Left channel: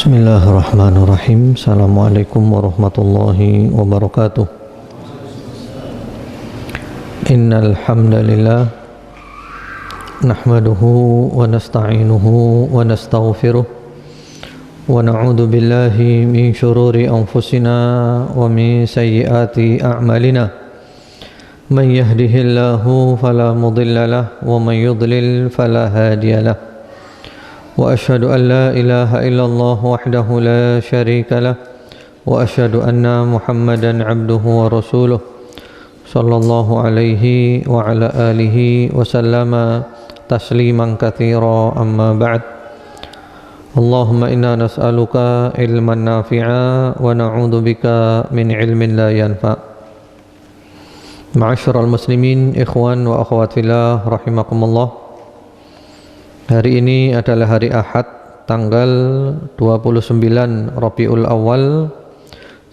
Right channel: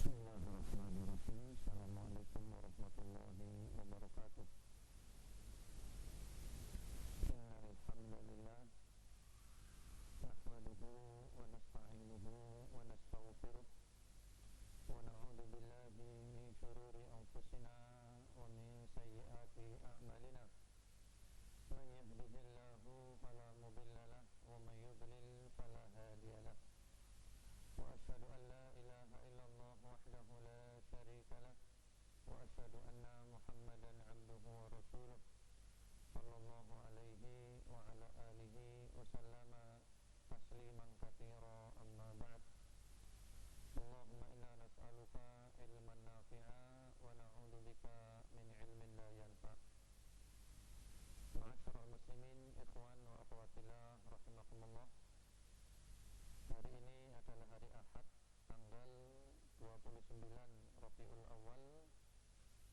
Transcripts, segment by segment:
Bismillahirrahmanirrahim. Assalamualaikum warahmatullahi wabarakatuh. Innal hamdalillah nahmaduhu wa nasta'inuhu wa nastaghfiruh wa na'udzu billahi min shururi anfusina wa min sayyiati a'malina. Man yahdihillahu fala mudilla lahu wa man yudlil fala hadiya lahu. وأشهد أن لا إله إلا الله وحده لا شريك له وأشهد أن محمدا عبده ورسوله صلى الله عليه وعلى آله وسلم تسليما كثيرا أما بعد اللهم إنا نسألك علما نافعا ونعوذ بك من علم لا ينفع. Ma'asyiral muslimin, ikhwan wa akhwat fillah rahimakumullah. Hari ini adalah hari Ahad, tanggal 29 Rabiul Awal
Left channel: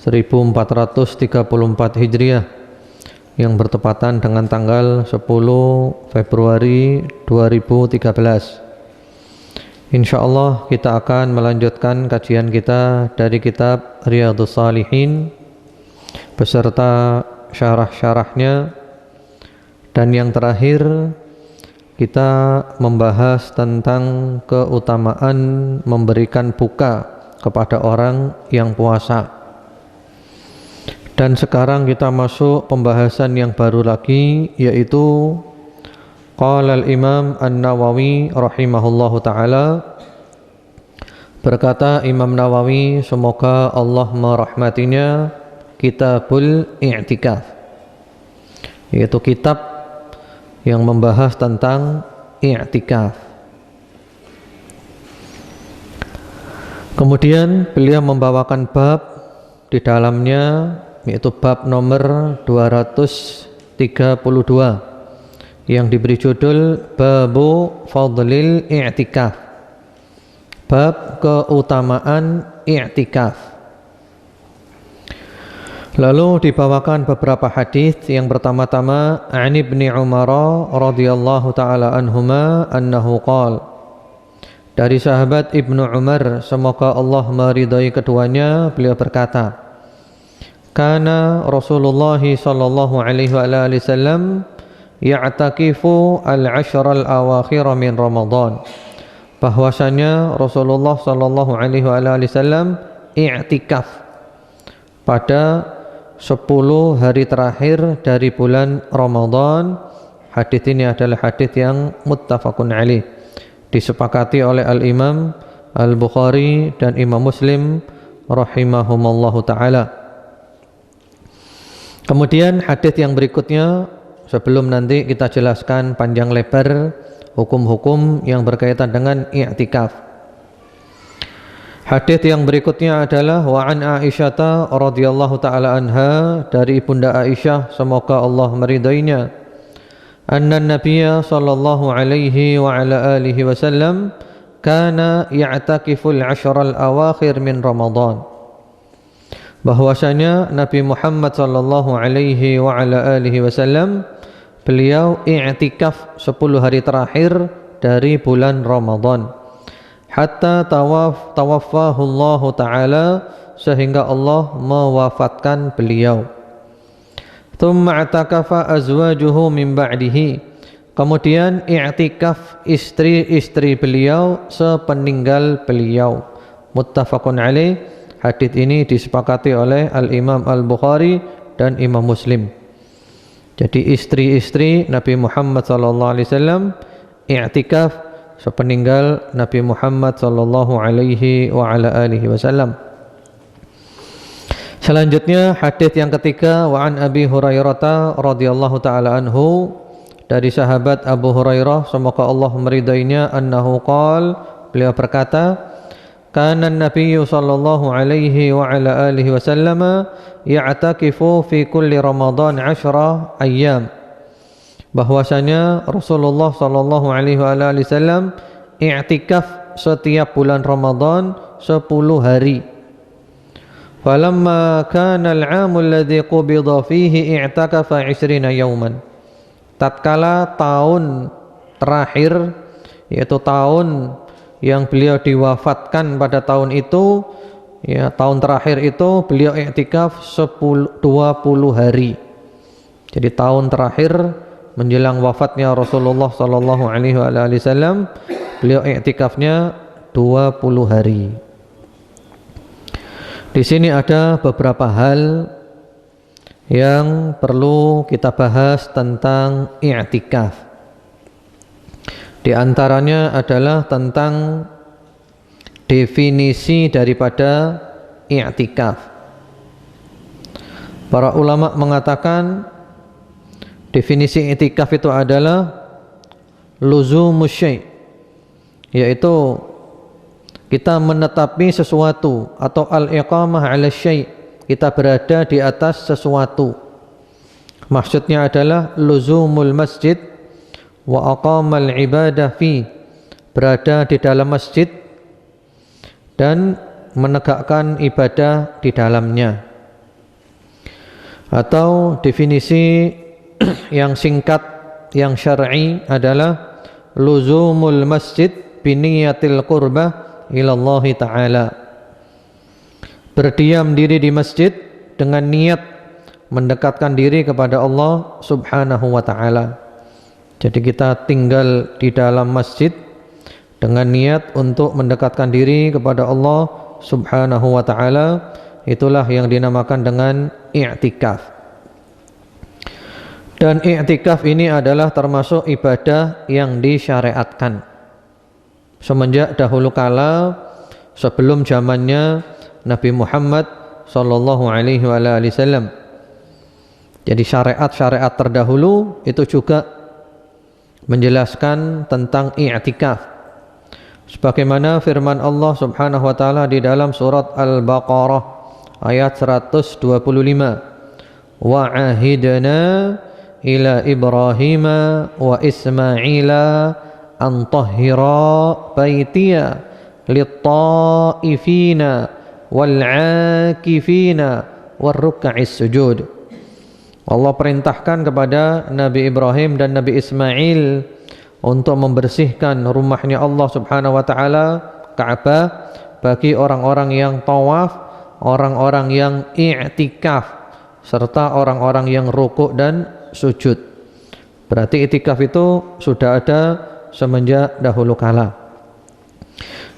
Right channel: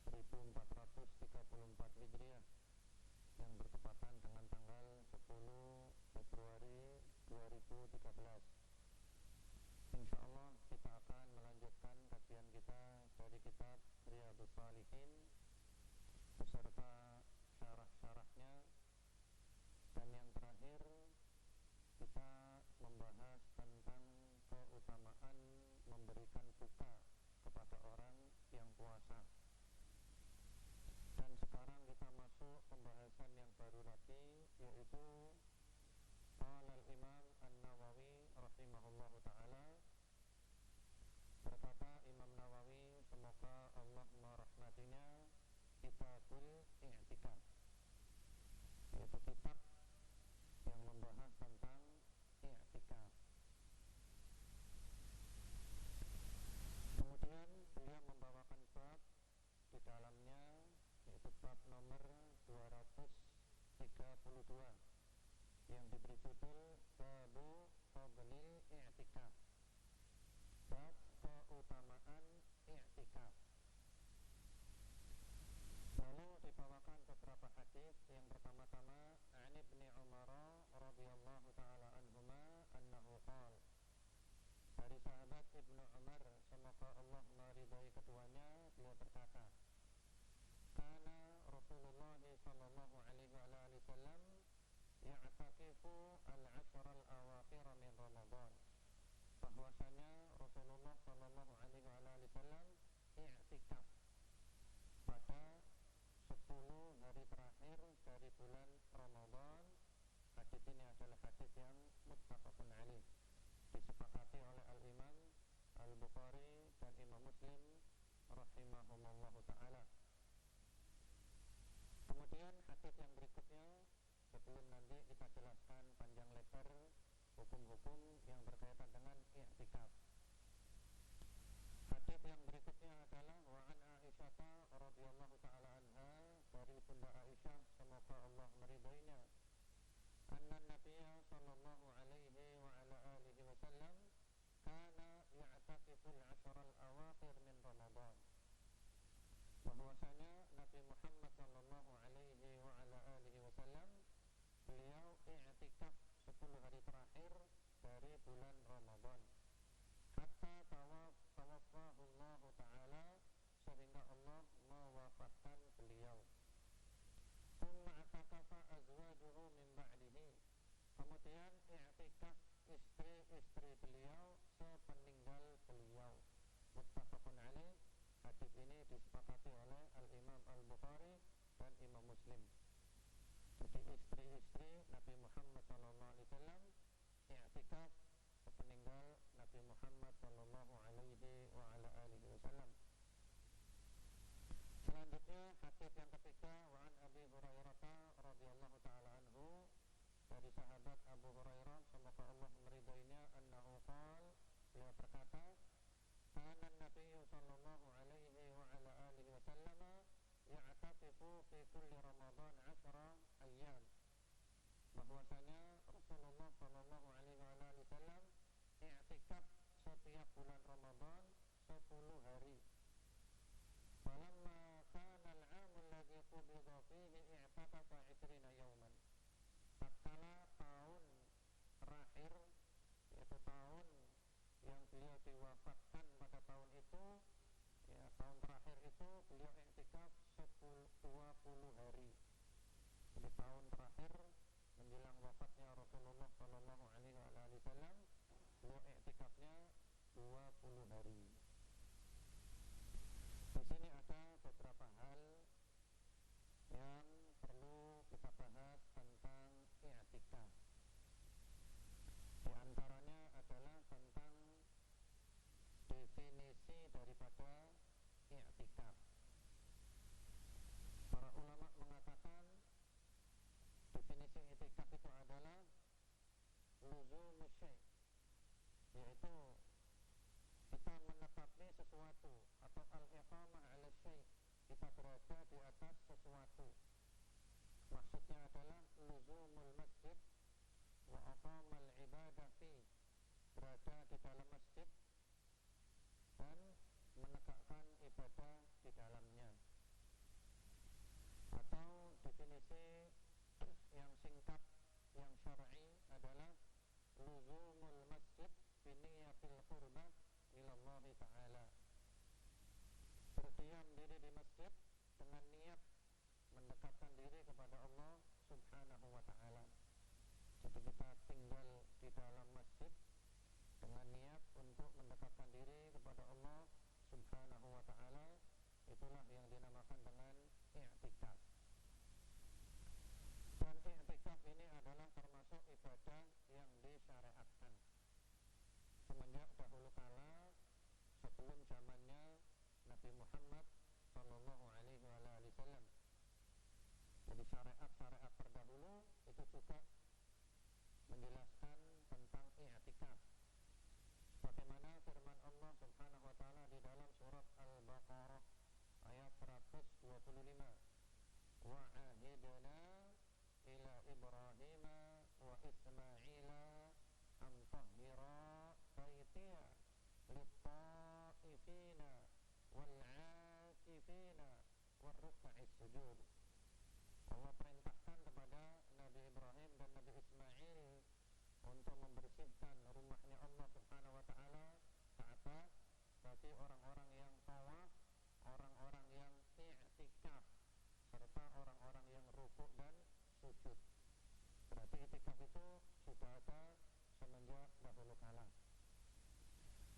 1434 Hijriah, yang bertepatan dengan tanggal 10 Februari 2013. Insyaallah kita akan melanjutkan kajian kita dari kitab Riyadhus Shalihin beserta syarah-syarahnya, dan yang terakhir kita membahas tentang keutamaan memberikan buka kepada orang yang puasa. Dan sekarang kita masuk pembahasan yang baru lagi, yaitu qala al-Imam An-Nawawi rahimahullahu ta'ala, berkata Imam Nawawi, semoga Allah merahmatinya, Kitabul I'tikaf, yaitu kitab yang membahas tentang i'tikaf. Kemudian beliau membawakan bab di dalamnya, yaitu bab nomor 232 yang diberi judul Babu Fadlil I'tikaf, bab keutamaan i'tikaf. Lalu dibawakan beberapa hadis. Yang pertama-tama, An Ibni Umar radhiyallahu taala anhuma annahu qala, dari sahabat Ibnu Umar, semoga Allah meridai keduanya, beliau berkata, kana Rasulullah sallallahu alaihi wasallam ya'takifu al-ashr al-awakhir min Ramadan, bahwasanya Rasulullah sallallahu alaihi wasallam i'tikaf pada 10 hari terakhir dari bulan Ramadan. Hadis ini adalah hadis yang muttafaqun alaih, disepakati oleh Al-Imam Al-Bukhari dan Imam Muslim rahimahumallahu ta'ala. Kemudian hadis yang berikutnya, sebelum nanti kita jelaskan panjang lebar hukum-hukum yang berkaitan dengan i'tikaf. Hadis yang berikutnya adalah wa an Aisyah radhiyallahu taala anha, dari Ibunda Aisyah, semoga Allah meridainya, anna Nabiyya sallallahu alaihi wa ala alihi wasallam kana ya'takiful ashral awakhir min Ramadan, bahwasanya Nabi Muhammad sallallahu alaihi wa ala alihi wasallam beliau i'tikaf 10 hari terakhir dari bulan Ramadan, hatta tawaffahu Allah ta'ala, sehingga Allah mewafatkan beliau. Thumma i'takafa azwajuhu min ba'dihi, kemudian i'tikaf istri-istri beliau sepeninggal beliau. Muttafaqun alaih. Hadis ini disepakati oleh Al-Imam Al-Bukhari dan Imam Muslim. Jadi istri-istri Nabi Muhammad sallallahu alaihi wasallam i'tikaf sepeninggal Nabi Muhammad sallallahu alaihi wa ala alihi wasallam. Selanjutnya hadis yang ketiga, wa an Abi Hurairah radhiyallahu taala anhu, dari sahabat Abu Hurairah, semoga Allah meridainya, annahu qala, beliau berkata, kana an-nabiy sallallahu alaihi wa ala alihi wasallam ya'takifu fi kulli Ramadan 10 ayyam, bahwasanya Rasulullah sallallahu alaihi wasallam i'tikaf setiap bulan Ramadan 10 hari. Falamma kana al-'aam alladhi qubida fihi i'takafa 20 yawman, tatkala tahun terakhir, yaitu tahun yang beliau diwafatkan pada tahun itu, ya tahun terakhir itu beliau i'tikaf 20 hari. Jadi tahun terakhir menjelang wafatnya Rasulullah sallallahu alaihi wasallam, beliau i'tikafnya 20 hari. Di sini ada beberapa hal yang perlu kita bahas tentang i'tikaf. Di antaranya adalah tentang definisi daripada i'tikaf. Para ulama mengatakan definisi i'tikaf itu adalah luzumus syai', yaitu kita menetapi sesuatu, atau al-iqamah 'ala syai', kita berada di atas sesuatu. Maksudnya adalah luzumul masjid wa aqamal ibadah fi, berada di dalam masjid dan menegakkan ibadah di dalamnya. Atau definisi yang singkat yang syar'i adalah luzumul masjid biniyatil qurbah ilallah ta'ala, berdiam diri di masjid dengan niat mendekatkan diri kepada Allah subhanahu wa ta'ala. Jadi kita tinggal di dalam masjid dengan niat untuk mendekatkan diri kepada Allah subhanahu wa ta'ala. Itulah yang dinamakan dengan i'tikaf. Dan i'tikaf ini adalah termasuk ibadah yang disyariatkan semenjak dahulu kala, sebelum zamannya Nabi Muhammad sallallahu alaihi wasallam. Jadi syariat-syariat terdahulu itu juga menjelaskan tentang i'tikaf. Sebagaimana firman Allah Subhanahu wa taala di dalam surat Al-Baqarah ayat 125. Wa ahidna ila Ibrahim wa Ismaila an tahhira baitiya lit-ta'ifina wal-'akifina war-ruk'is sujud. Allah perintahkan kepada Nabi Ibrahim dan Nabi Ismail untuk membersihkan rumahnya Allah subhanahu wa ta'ala, Ka'bah, bagi orang-orang yang tawaf, orang-orang yang i'tikaf, serta orang-orang yang rukuk dan sujud. Berarti i'tikaf itu sudah ada semenjak dahulu kala.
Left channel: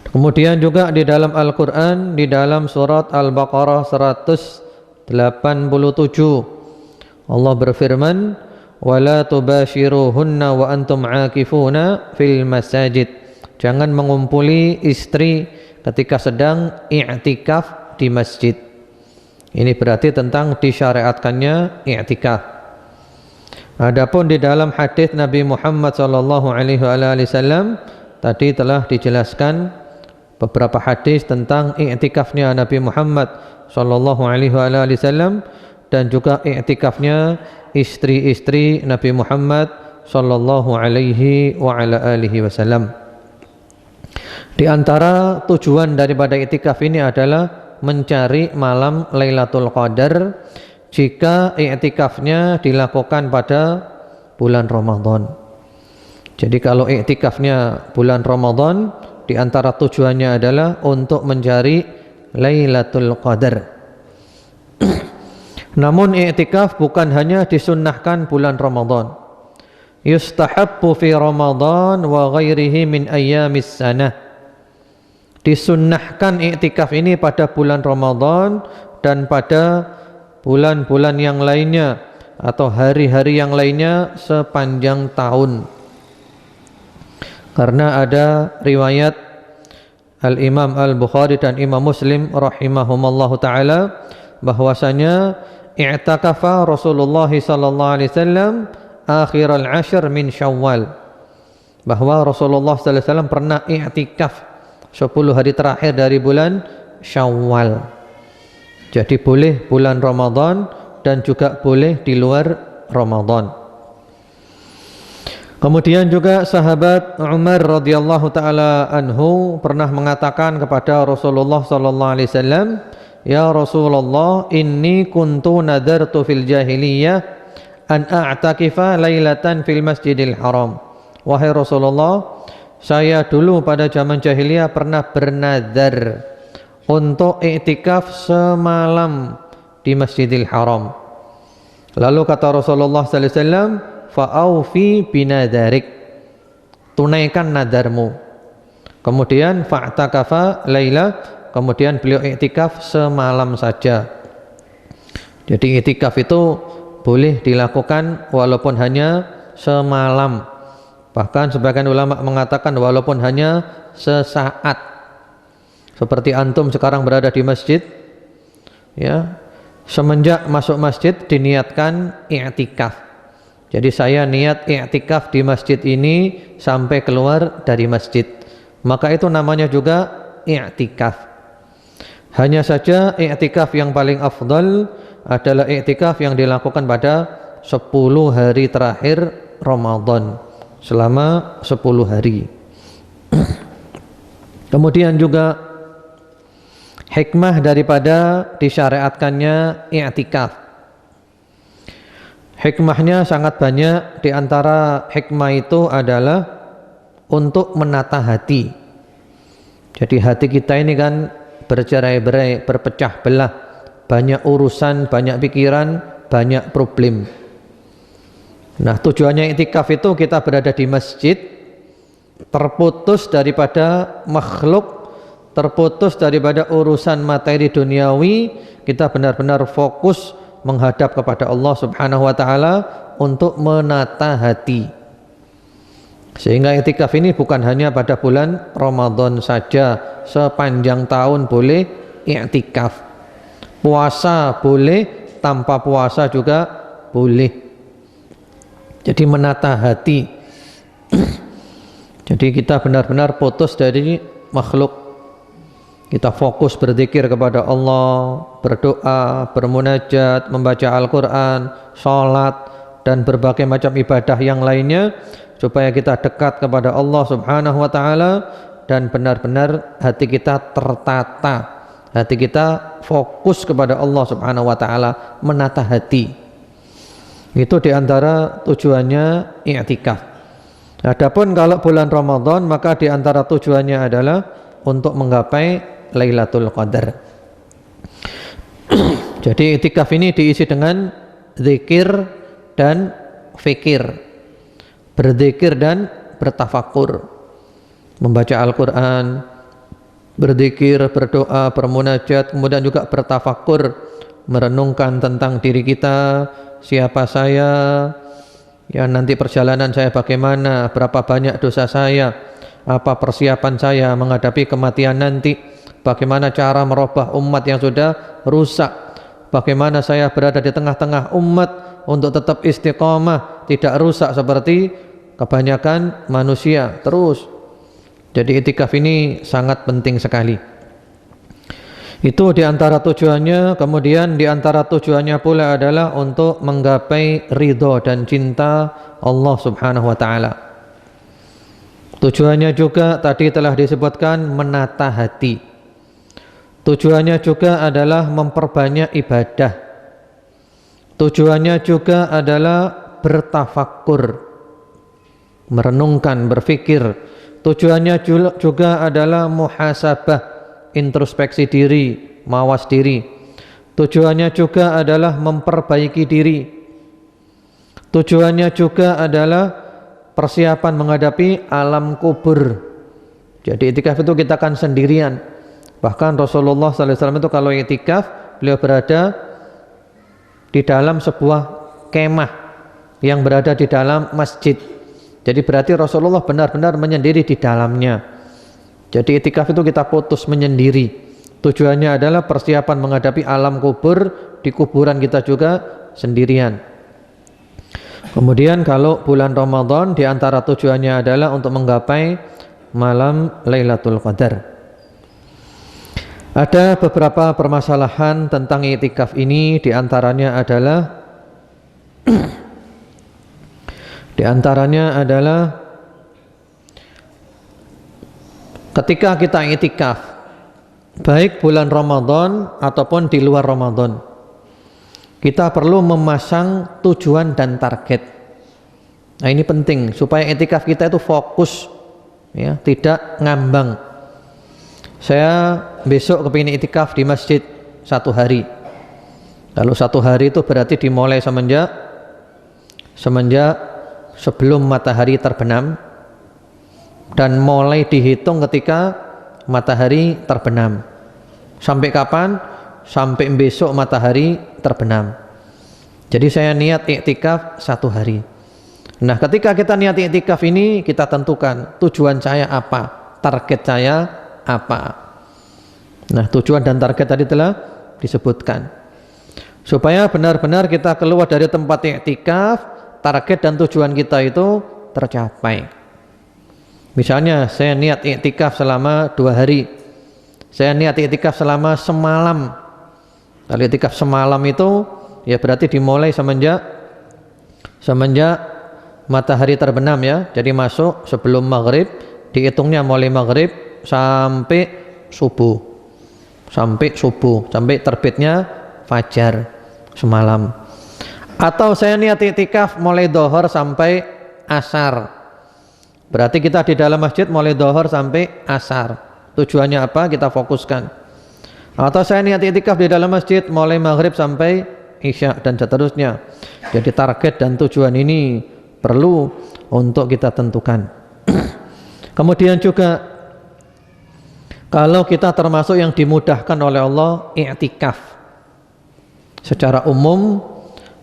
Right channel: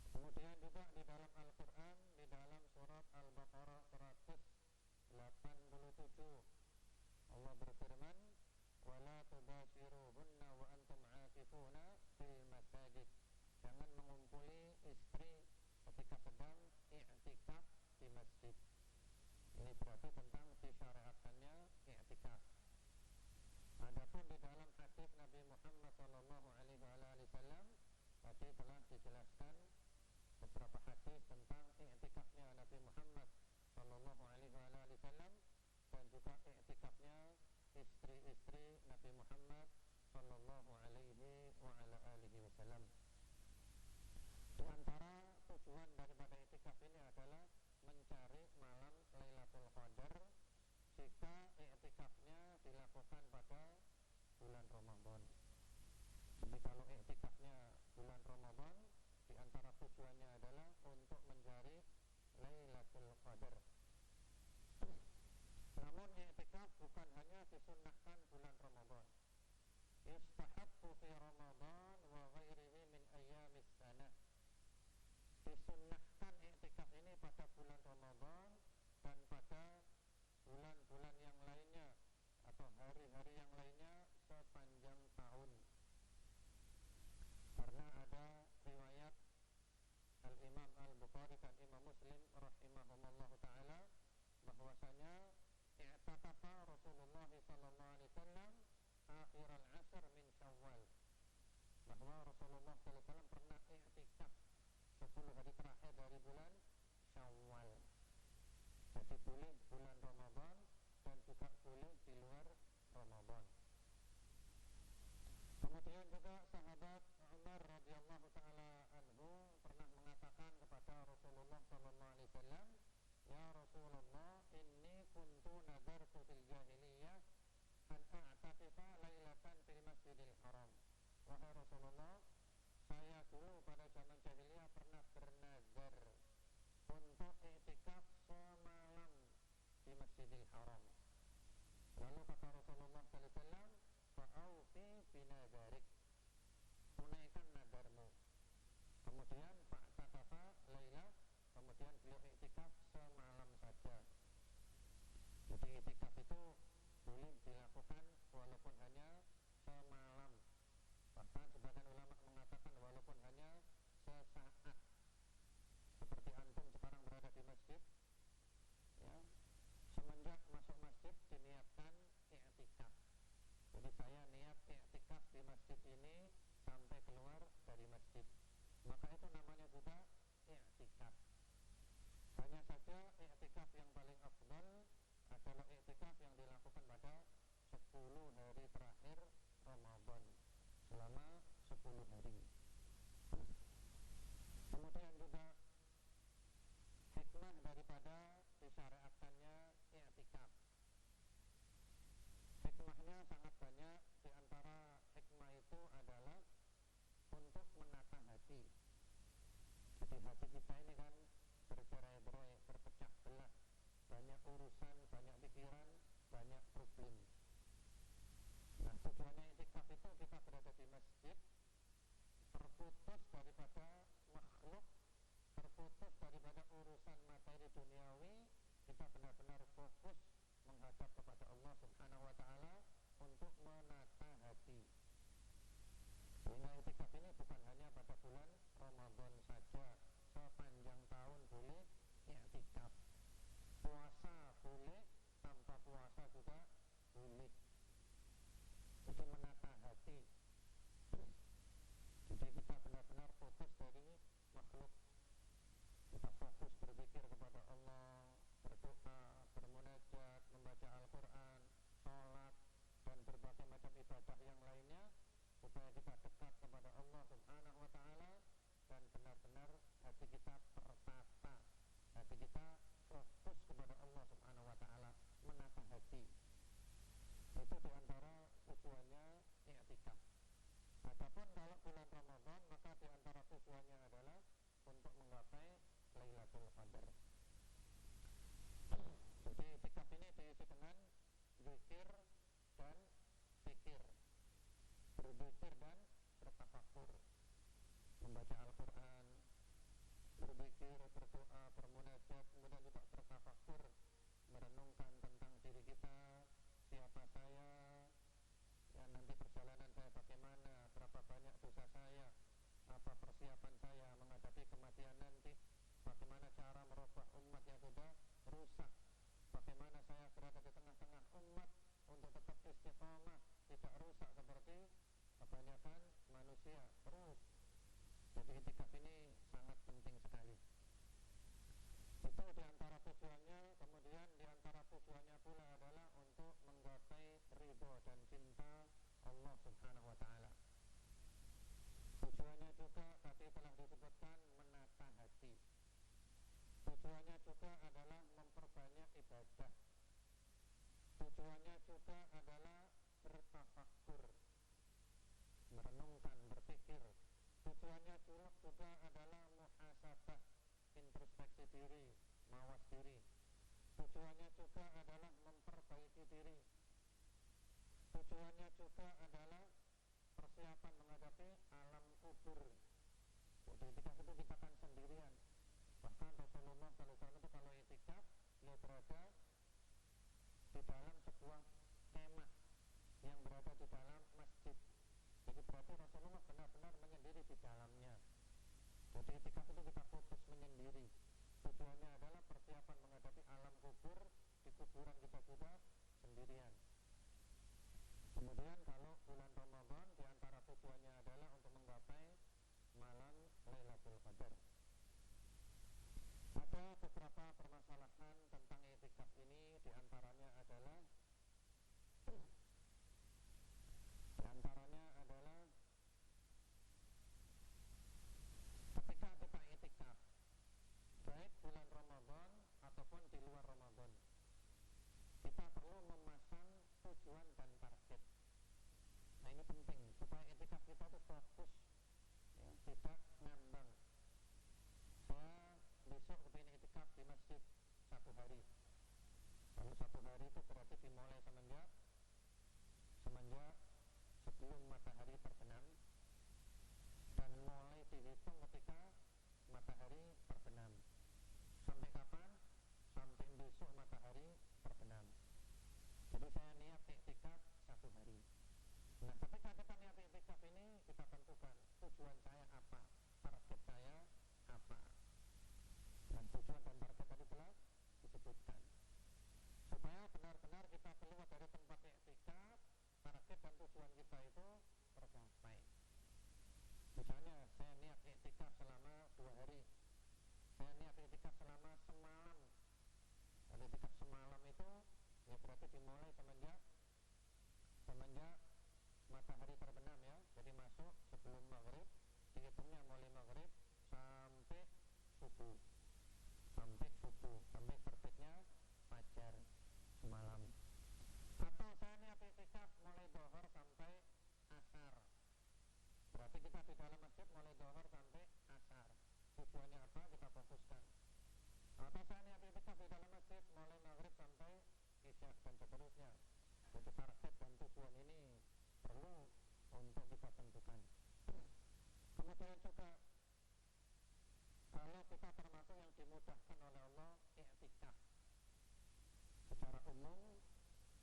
Kemudian juga di dalam Al-Quran, di dalam surat Al-Baqarah 187, Allah berfirman, وَلَا تُبَاشِرُهُنَّ وَأَنْتُمْ عَاكِفُونَ فِي الْمَسَاجِدِ, jangan mengumpuli istri ketika sedang i'tikaf di masjid. Ini berarti tentang disyariatkannya i'tikaf. Adapun di dalam hadis Nabi Muhammad sallallahu alaihi wasallam tadi telah dijelaskan beberapa hadis tentang i'tikafnya Nabi Muhammad sallallahu alaihi wasallam dan juga i'tikafnya istri-istri Nabi Muhammad sallallahu alaihi wasallam. Di antara tujuan daripada i'tikaf ini adalah mencari malam Lailatul Qadar jika i'tikafnya dilakukan pada bulan Ramadan. Jadi kalau i'tikafnya bulan Ramadan, di antara tujuannya adalah untuk mencari Lailatul Qadar. Namun i'tikaf bukan hanya disunnahkan bulan Ramadan. Yustahabbu fi Ramadan wa ghairihi min ayyamis sanah. Disunnahkan i'tikaf ini pada bulan Ramadan dan pada bulan-bulan yang lainnya atau hari-hari yang lainnya sepanjang tahun. Karena ada riwayat Al-Imam Al-Bukhari dan Imam Muslim rahimahumallahu ta'ala bahwasanya i'takafa Rasulullah sallallahu alaihi wasallam akhir al-ashr min Syawal, bahwa Rasulullah sallallahu alaihi wasallam pernah i'tikaf 10 hari terakhir dari bulan Syawal. Jadi boleh bulan Ramadan dan juga boleh di luar Ramadan. Kemudian juga sahabat Umar radhiyallahu taala anhu pernah mengatakan kepada Rasulullah sallallahu alaihi wasallam, "Ya Rasulullah, inni kuntu nadartu fil jahiliyah an a'takifa lailatan fil Masjidil Haram." Wahai Rasulullah, saya dulu pada zaman jahiliyah pernah bernazar untuk iktikaf semalam di Masjidil Haram. Lalu kata Rasulullah sallallahu alaihi wasallam, fa'aufi binadharik, tunaikan nadarmu. Kemudian fa'takafa laila, kemudian beliau iktikaf semalam saja. Jadi iktikaf itu boleh dilakukan walaupun hanya semalam. Bahkan sebagian ulama mengatakan walaupun hanya sesaat. Seperti antum sekarang berada di masjid, ya, semenjak masuk masjid diniatkan i'tikaf. Jadi saya niat i'tikaf di masjid ini sampai keluar dari masjid, maka itu namanya juga i'tikaf. Hanya saja i'tikaf yang paling afdal adalah i'tikaf yang dilakukan pada 10 hari terakhir Ramadan, selama 10 hari. Kemudian juga hikmah daripada disyariatkannya i'tikaf. Hikmahnya sangat banyak. Di antara hikmah itu adalah untuk menata hati. Jadi hati kita ini kan bercerai-berai, berpecah belah, banyak urusan, banyak pikiran, banyak problem. Nah, tujuannya i'tikaf itu kita berada di masjid, terputus daripada makhluk, terputus daripada urusan materi duniawi, kita benar-benar fokus menghadap kepada Allah Subhanahu wa taala untuk menata hati. Sehingga i'tikaf ini bukan hanya pada bulan Ramadan saja, sepanjang tahun boleh i'tikaf. Puasa boleh, tanpa puasa juga boleh. Jadi menata hati. Jadi kita benar-benar putus dari makhluk. Kita fokus berzikir kepada Allah, berdoa, bermunajat, membaca Al-Quran, sholat, dan berbagai macam ibadah yang lainnya, supaya kita dekat kepada Allah Subhanahu wa ta'ala dan benar-benar hati kita tertata, hati kita fokus kepada Allah Subhanahu wa ta'ala, menata hati. Itu diantara tujuannya i'tikaf. Adapun kalau bulan Ramadan, maka diantara tujuannya adalah untuk menggapai Lailatul Qadar. Jadi i'tikaf ini diisi dengan zikir dan fikir, berzikir dan bertafakur, membaca Al-Quran, berzikir, berdoa, bermunajat, kemudian juga bertafakur, merenungkan tentang diri kita, siapa saya, ya nanti perjalanan saya bagaimana, berapa banyak dosa saya, apa persiapan saya menghadapi kematian nanti, bagaimana cara merubah umat yang sudah rusak, bagaimana saya berada di tengah-tengah umat untuk tetap istiqamah, tidak rusak seperti kebanyakan manusia terus. Jadi i'tikaf ini sangat penting sekali. Itu diantara tujuannya. Kemudian diantara tujuannya pula adalah untuk menggapai ridho dan cinta Allah Subhanahu wa ta'ala. Tujuannya juga tadi telah disebutkan menata hati. Tujuannya juga adalah memperbanyak ibadah. Tujuannya juga adalah bertafakkur, merenungkan, berfikir. Tujuannya juga adalah muhasabah, introspeksi diri, mawas diri. Tujuannya juga adalah memperbaiki diri. Tujuannya juga adalah persiapan menghadapi alam kubur. Jadi i'tikaf itu kita akan sendirian. Bahkan Rasulullah SAW itu kalau i'tikaf, beliau berada di dalam sebuah kemah yang berada di dalam masjid. Jadi berarti Rasulullah benar-benar menyendiri di dalamnya. Jadi i'tikaf itu kita putus menyendiri. Tujuannya adalah persiapan menghadapi alam kubur, di kuburan kita juga sendirian. Kemudian kalau bulan Ramadan, di antara tujuannya adalah untuk menggapai malam Lailatul Qadar. Ada beberapa permasalahan tentang i'tikaf ini, di antaranya adalah ketika kita i'tikaf, baik bulan Ramadan ataupun di luar Ramadan, kita perlu memasang tujuan dan target. Nah, ini penting supaya i'tikaf kita itu fokus, ya, tidak ngambang. Saya besok kepingin itikaf di masjid 1 hari. Kalau 1 hari itu berarti dimulai semenjak sebelum matahari terbenam dan mulai dihitung ketika matahari terbenam. Sampai kapan? Sampai besok matahari terbenam. Jadi saya niat iktikaf 1 hari. Nah, ketika kita niat iktikaf ini, kita tentukan tujuan saya apa, target saya apa. Nah, tujuan dan target tadi telah disebutkan. Supaya benar-benar kita keluar dari tempat iktikaf, target dan tujuan kita itu tercapai. Misalnya saya niat iktikaf selama 2 hari. Saya niat iktikaf selama semalam. Kalau iktikaf semalam itu ya berarti dimulai semenjak matahari terbenam ya. Jadi masuk sebelum maghrib, dihitungnya mulai maghrib sampai subuh. Sampai terbitnya fajar semalam. Atau saya niat iktikaf mulai dohor sampai asar. Berarti kita di dalam masjid mulai dohor sampai asar. Tujuannya apa? Kita fokuskan. Atau saya niat iktikaf di dalam masjid mulai maghrib sampai isya dan seterusnya. Jadi target dan tujuan ini perlu untuk kita tentukan. Kemudian juga kalau kita termasuk yang dimudahkan oleh Allah i'tikaf secara umum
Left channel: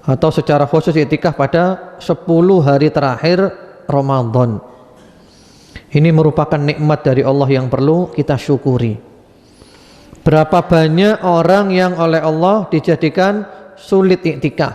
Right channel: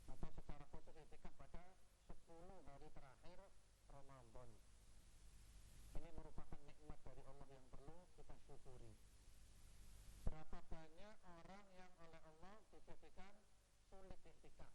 atau secara khusus i'tikaf pada 10 hari terakhir Ramadan. Ini merupakan nikmat dari Allah yang perlu kita syukuri. Berapa banyak orang yang oleh Allah dijadikan sulit i'tikaf,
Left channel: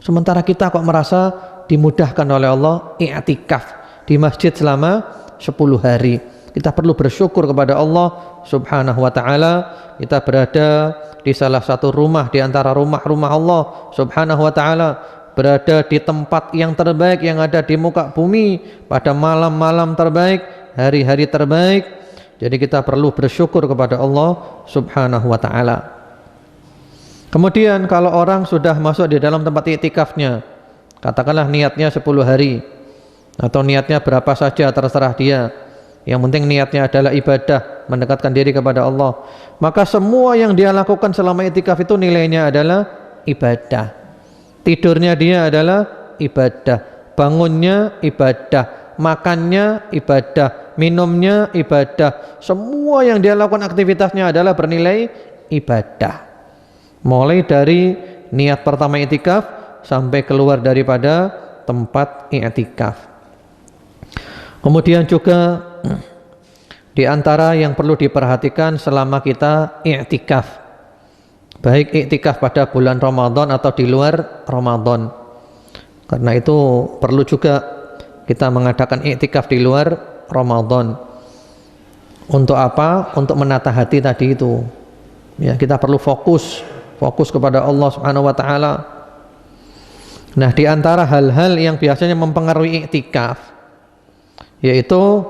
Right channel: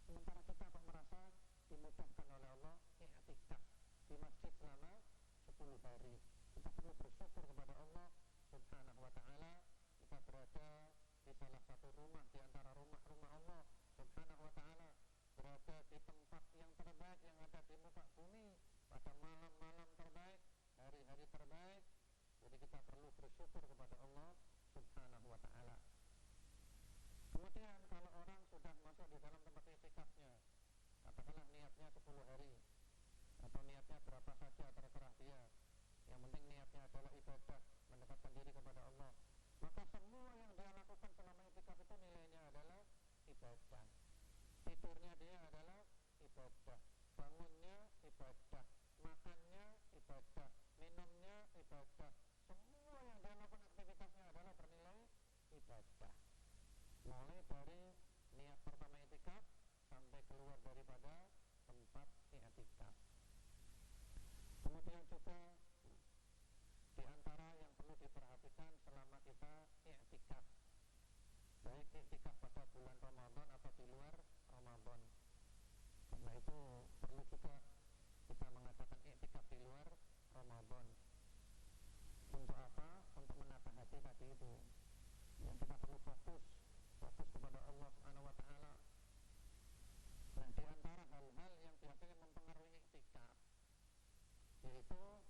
sementara kita kok merasa dimudahkan oleh Allah i'tikaf di masjid selama 10 hari. Kita perlu bersyukur kepada Allah Subhanahu wa ta'ala. Kita berada di salah satu rumah di antara rumah-rumah Allah Subhanahu wa ta'ala, berada di tempat yang terbaik yang ada di muka bumi pada malam-malam terbaik, hari-hari terbaik. Jadi kita perlu bersyukur kepada Allah Subhanahu wa ta'ala. Kemudian kalau orang sudah masuk di dalam tempat iktikafnya, katakanlah niatnya 10 hari atau niatnya berapa saja terserah dia, yang penting niatnya adalah ibadah, mendekatkan diri kepada Allah, maka semua yang dia lakukan selama iktikaf itu nilainya adalah ibadah. Tidurnya dia adalah ibadah, bangunnya ibadah, makannya ibadah, minumnya ibadah. Semua yang dia lakukan aktivitasnya adalah bernilai ibadah. Mulai dari niat pertama iktikaf sampai keluar daripada tempat iktikaf. Kemudian juga di antara yang perlu diperhatikan selama kita iktikaf, baik iktikaf pada bulan Ramadan atau di luar Ramadan. Karena itu perlu juga kita mengadakan iktikaf di luar Ramadan. Untuk apa? Untuk menata hati tadi itu. Ya, kita perlu fokus kepada Allah Subhanahu wa taala. Nah, di antara hal-hal yang biasanya mempengaruhi iktikaf yaitu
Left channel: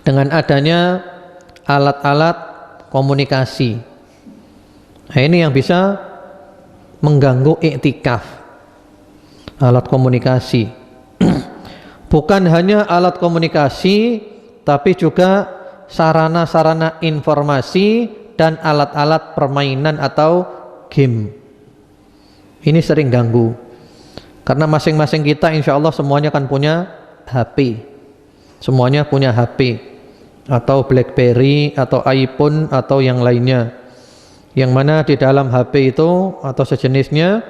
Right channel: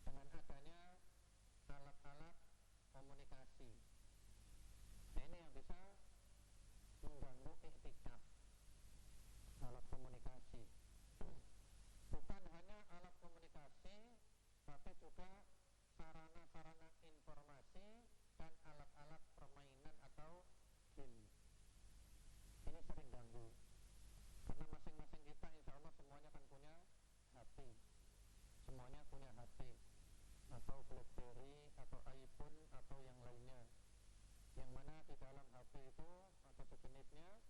dengan adanya alat-alat komunikasi. Nah, ini yang bisa mengganggu iktikaf. Alat komunikasi. Bukan hanya alat komunikasi, tapi juga sarana-sarana informasi dan alat-alat permainan atau game. Ini sering ganggu. Karena masing-masing kita insya Allah semuanya kan punya HP. Semuanya punya HP atau BlackBerry atau iPhone atau yang lainnya. Yang mana di dalam HP itu atau sejenisnya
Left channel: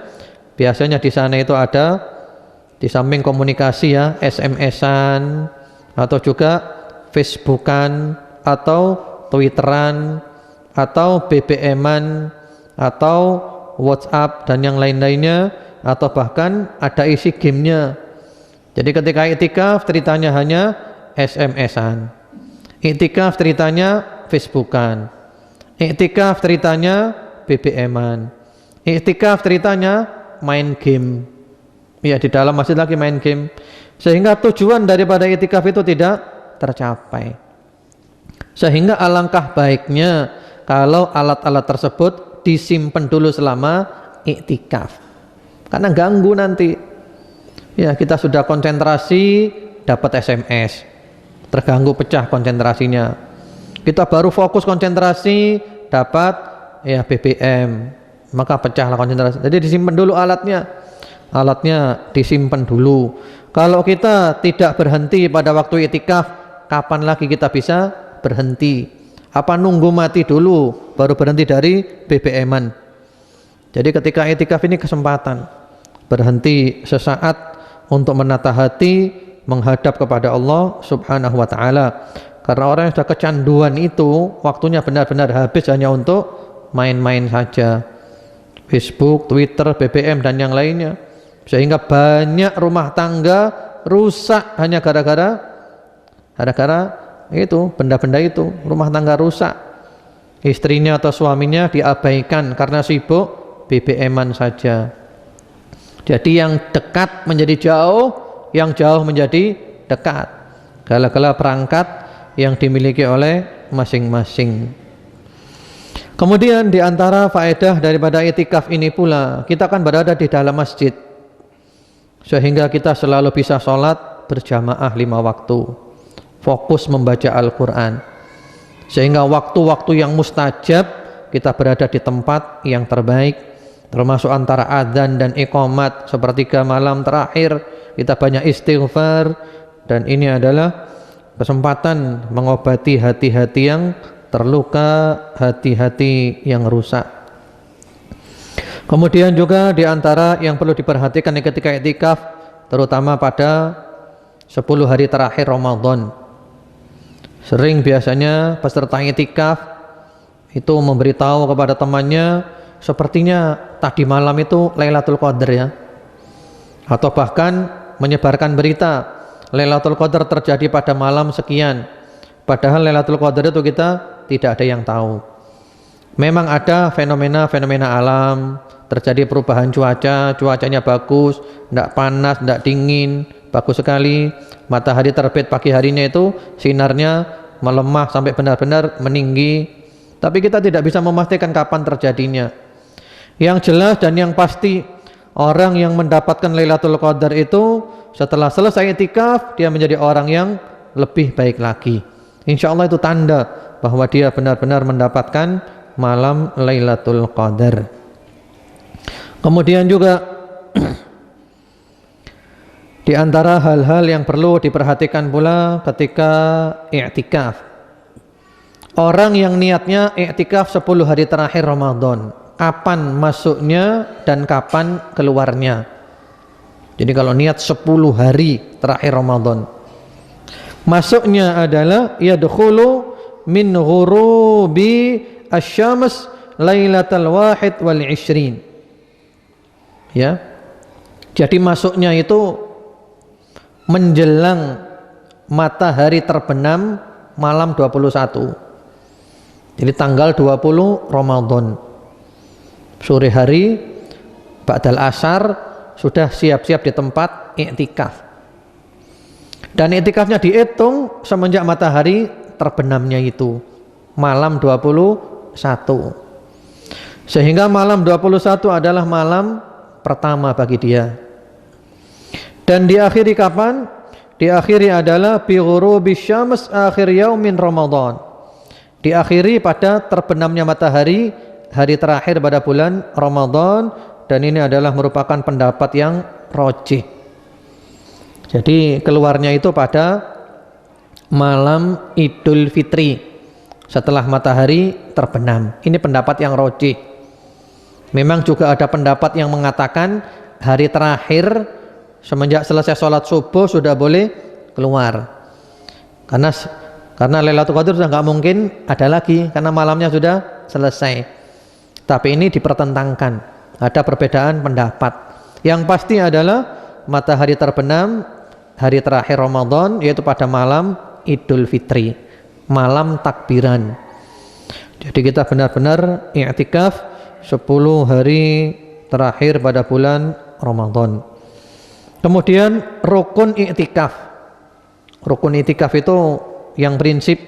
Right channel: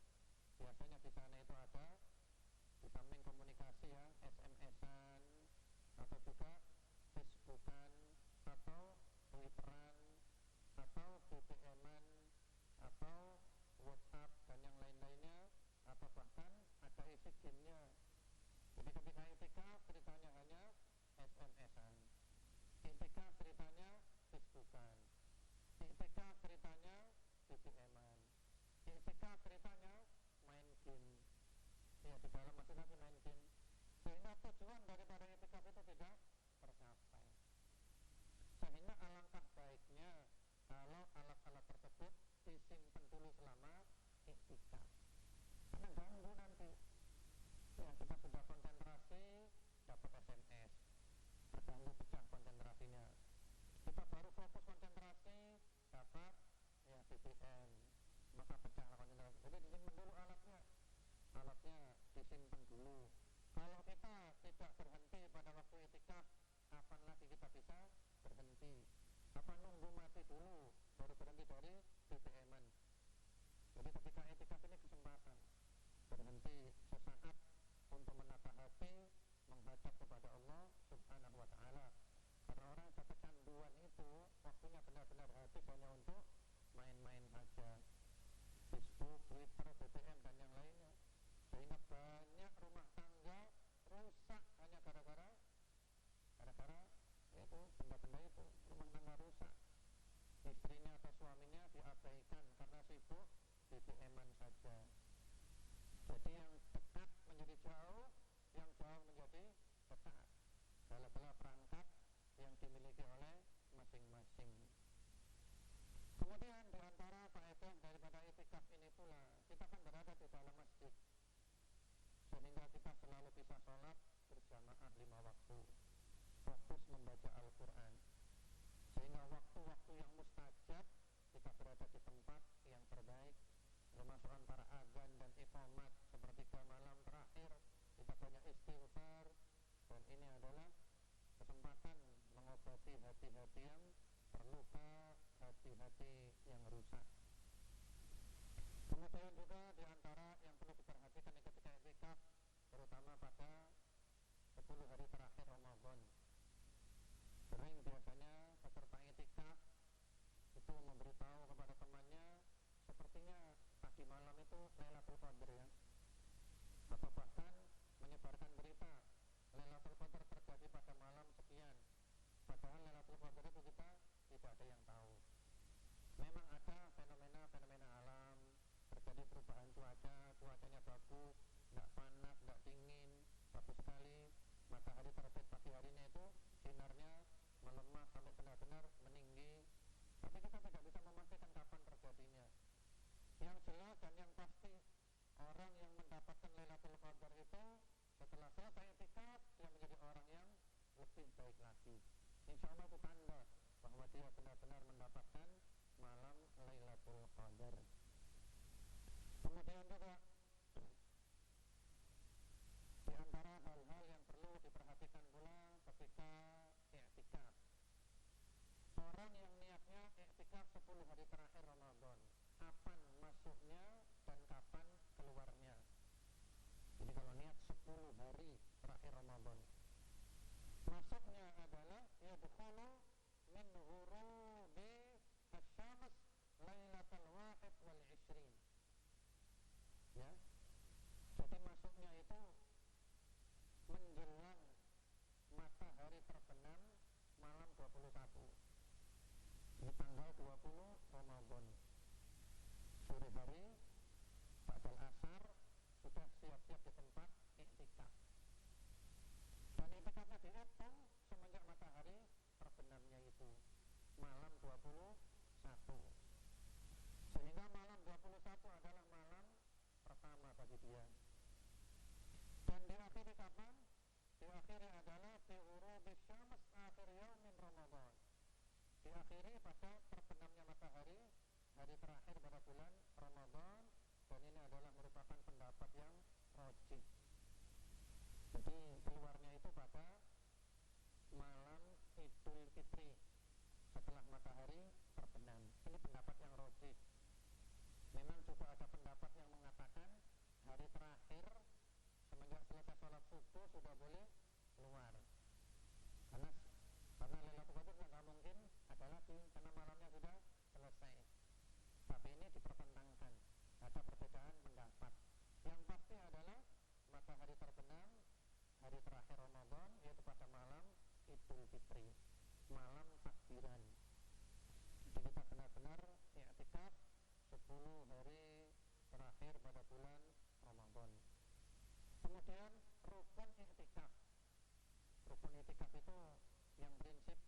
biasanya di sana itu ada di samping komunikasi ya, SMS-an atau juga Facebookan atau Twitteran atau BBM-an atau WhatsApp dan yang lain-lainnya, atau bahkan ada isi gamenya. Jadi ketika iktikaf ceritanya hanya SMS-an, iktikaf ceritanya Facebookan, iktikaf ceritanya BBM-an, iktikaf ceritanya main game. Ya, di dalam masjid lagi main game, sehingga tujuan daripada iktikaf itu tidak tercapai. Sehingga alangkah baiknya kalau alat-alat tersebut disimpan dulu selama iktikaf, karena ganggu nanti. Ya, kita sudah konsentrasi dapat SMS, terganggu, pecah konsentrasinya. Kita baru fokus konsentrasi, dapat ya BBM, maka pecahlah konsentrasi. Jadi disimpan dulu alatnya disimpan dulu. Kalau kita tidak berhenti pada waktu itikaf, kapan lagi kita bisa berhenti? Apa nunggu mati dulu baru berhenti dari BBM-an? Jadi ketika itikaf ini kesempatan berhenti sesaat untuk menata hati, menghadap kepada Allah Subhanahu wa taala. Karena orang yang sudah kecanduan itu waktunya benar-benar habis hanya untuk main-main saja. Facebook, Twitter, BBM dan yang lainnya. Sehingga banyak rumah tangga rusak hanya gara-gara itu, benda-benda itu, rumah tangga rusak. Istrinya atau suaminya diabaikan karena sibuk BBM-an saja. Jadi yang dekat menjadi jauh, yang jauh menjadi dekat. Gala-gala perangkat yang dimiliki oleh masing-masing. Kemudian di antara faedah daripada itikaf ini pula, kita akan berada di dalam masjid, sehingga kita selalu bisa sholat berjamaah 5 waktu, fokus membaca Al-Quran, sehingga waktu-waktu yang mustajab kita berada di tempat yang terbaik, termasuk antara adzan dan iqamat, sepertiga malam terakhir kita banyak istighfar, dan ini adalah kesempatan mengobati hati-hati yang terluka, hati-hati yang rusak. Kemudian juga di antara yang perlu diperhatikan ketika iktikaf, terutama pada 10 hari terakhir Ramadan. Sering biasanya peserta iktikaf itu memberitahu kepada temannya, sepertinya tadi malam itu Lailatul Qadar ya. Atau bahkan menyebarkan berita Lailatul Qadar terjadi pada malam sekian, padahal Lailatul Qadar itu kita tidak ada yang tahu. Memang ada fenomena-fenomena alam, terjadi perubahan cuaca, cuacanya bagus, tidak panas, tidak dingin, bagus sekali. Matahari terbit pagi harinya itu sinarnya melemah sampai benar-benar meninggi, tapi kita tidak bisa memastikan kapan terjadinya. Yang jelas dan yang pasti, orang yang mendapatkan Lailatul Qadar itu setelah selesai iktikaf dia menjadi orang yang lebih baik lagi. Insya Allah itu tanda bahwa dia benar-benar mendapatkan malam Lailatul Qadar. Kemudian juga di antara hal-hal yang perlu diperhatikan pula ketika iktikaf, orang yang niatnya iktikaf 10 hari terakhir Ramadan, kapan masuknya dan kapan keluarnya. Jadi kalau niat 10 hari terakhir Ramadan, masuknya adalah yadkhulu min ghurubi asy-syams lailatal wahid wal 20. Ya. Jadi masuknya itu menjelang matahari terbenam malam 21. Jadi tanggal 20 Ramadan. Sore hari ba'dal asar sudah siap-siap di tempat iktikaf. Dan iktikafnya dihitung semenjak matahari terbenamnya itu malam 21. Sehingga malam 21 adalah malam pertama bagi dia. Dan diakhiri kapan? Diakhiri adalah bi ghurubi syams akhir yaumin Ramadan. Diakhiri pada terbenamnya matahari hari terakhir pada bulan Ramadan, dan ini adalah merupakan pendapat yang rajih. Jadi keluarnya itu pada malam Idul Fitri setelah matahari terbenam. Ini pendapat yang rajih. Memang juga ada pendapat yang mengatakan hari terakhir semenjak selesai sholat subuh sudah boleh keluar. Karena Lailatul Qadar sudah nggak mungkin ada lagi karena malamnya sudah selesai. Tapi ini dipertentangkan. Ada perbedaan pendapat. Yang pasti adalah matahari terbenam hari terakhir Ramadan, yaitu pada malam Idul Fitri, malam takbiran. Jadi kita benar-benar i'tikaf 10 hari terakhir pada bulan Ramadan. Kemudian rukun i'tikaf. Rukun i'tikaf itu yang prinsip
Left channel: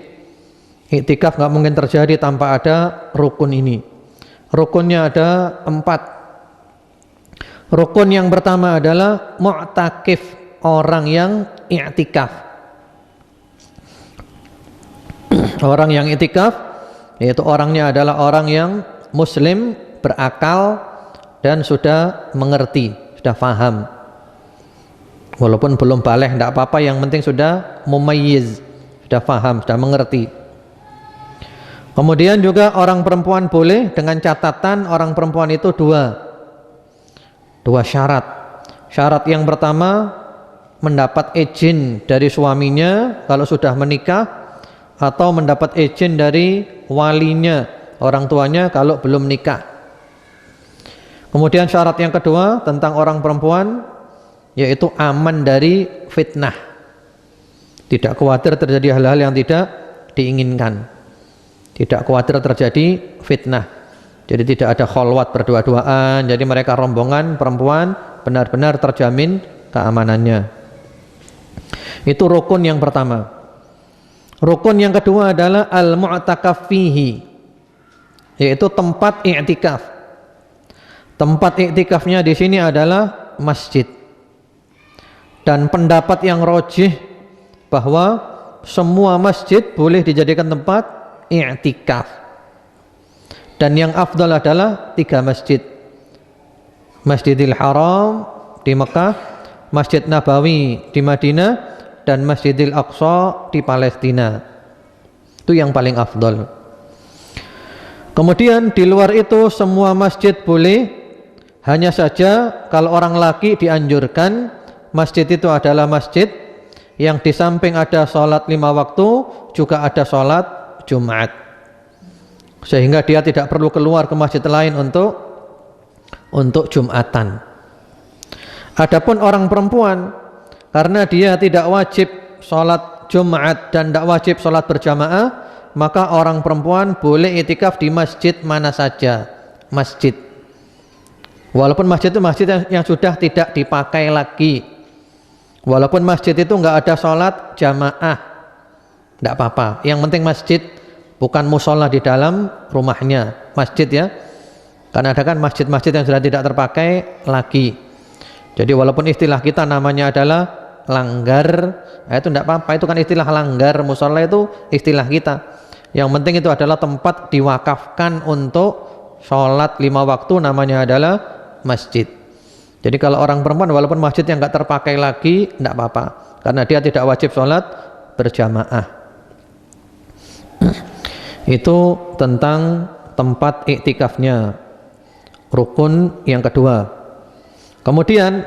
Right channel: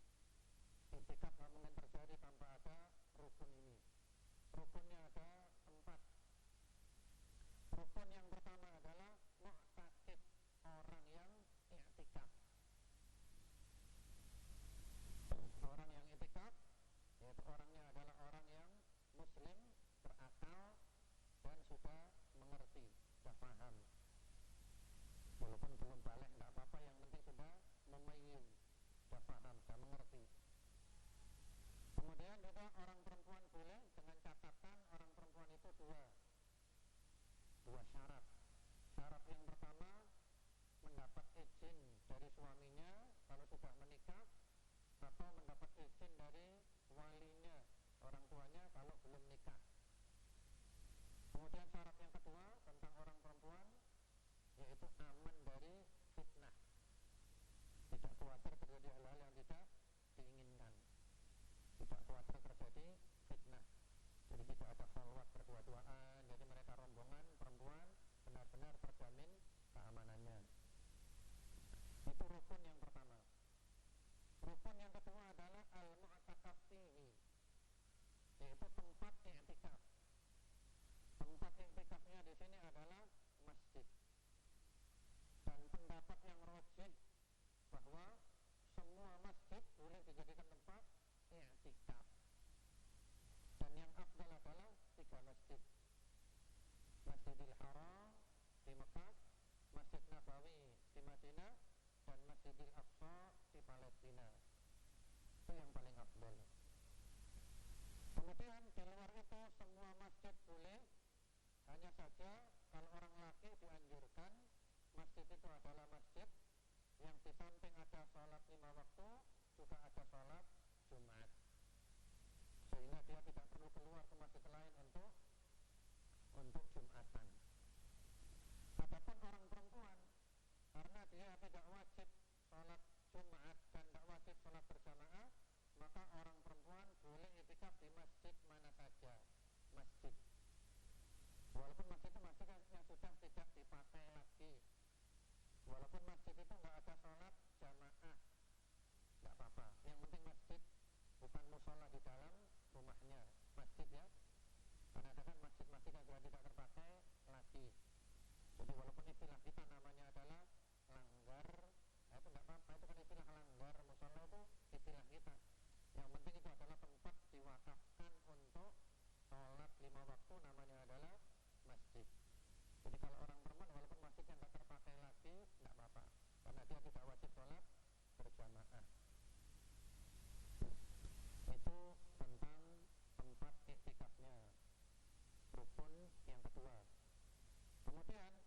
i'tikaf nggak mungkin terjadi tanpa ada rukun ini. Rukunnya ada 4. Rukun yang pertama adalah mu'takif, orang yang i'tikaf. Orang yang i'tikaf yaitu orangnya adalah orang yang muslim, berakal dan sudah mengerti, sudah faham. Walaupun belum baligh tidak apa-apa, yang penting sudah mumayyiz, sudah faham, sudah mengerti. Kemudian juga orang perempuan boleh, dengan catatan orang perempuan itu dua syarat. Syarat yang pertama, mendapat izin dari suaminya kalau sudah menikah, atau mendapat izin dari walinya, orang tuanya kalau belum nikah. Kemudian syarat yang kedua tentang orang perempuan, yaitu aman dari fitnah, tidak khawatir terjadi hal-hal yang tidak diinginkan, tidak khawatir terjadi fitnah. Jadi tidak ada kholwat berdua-duaan, jadi mereka rombongan perempuan benar-benar terjamin keamanannya. Itu rukun yang pertama. Rukun yang kedua adalah al-mu'takaf fihi, yaitu tempat i'tikaf. Tempat i'tikafnya di sini adalah masjid. Dan pendapat yang rajih bahwa semua masjid boleh dijadikan tempat i'tikaf. Dan yang afdal adalah 3 masjid. Masjidil Haram di Mekah, Masjid Nabawi di Madinah, dan Masjidil Aqsa di Palestina. Itu yang paling afdal. Kemudian di luar itu semua masjid boleh, hanya saja kalau orang laki dianjurkan masjid itu adalah masjid yang di samping ada sholat 5 waktu juga ada sholat Jumat, sehingga dia tidak perlu keluar ke masjid lain untuk Jumatan. Adapun orang perempuan, karena dia tidak wajib sholat Jumat dan tidak wajib sholat berjamaah, maka orang perempuan boleh i'tikaf di masjid mana saja, masjid. Walaupun masjid itu masjid yang sudah tidak dipakai lagi, walaupun masjid itu enggak ada sholat jamaah, tidak apa-apa. Yang penting masjid, bukan musola di dalam rumahnya, masjid ya. Karena ada kan masjid-masjid yang sudah tidak terpakai lagi. Jadi walaupun istilah kita namanya adalah langgar, itu tidak apa-apa, itu kan istilah langgar, musola itu istilah kita. Yang penting itu adalah tempat diwakafkan untuk sholat 5 waktu, namanya adalah masjid. Jadi kalau orang perempuan walaupun masjid yang enggak terpakai lagi, tidak apa-apa, karena dia tidak wajib sholat berjamaah. Itu tentang tempat iktikafnya, rukun yang kedua. Kemudian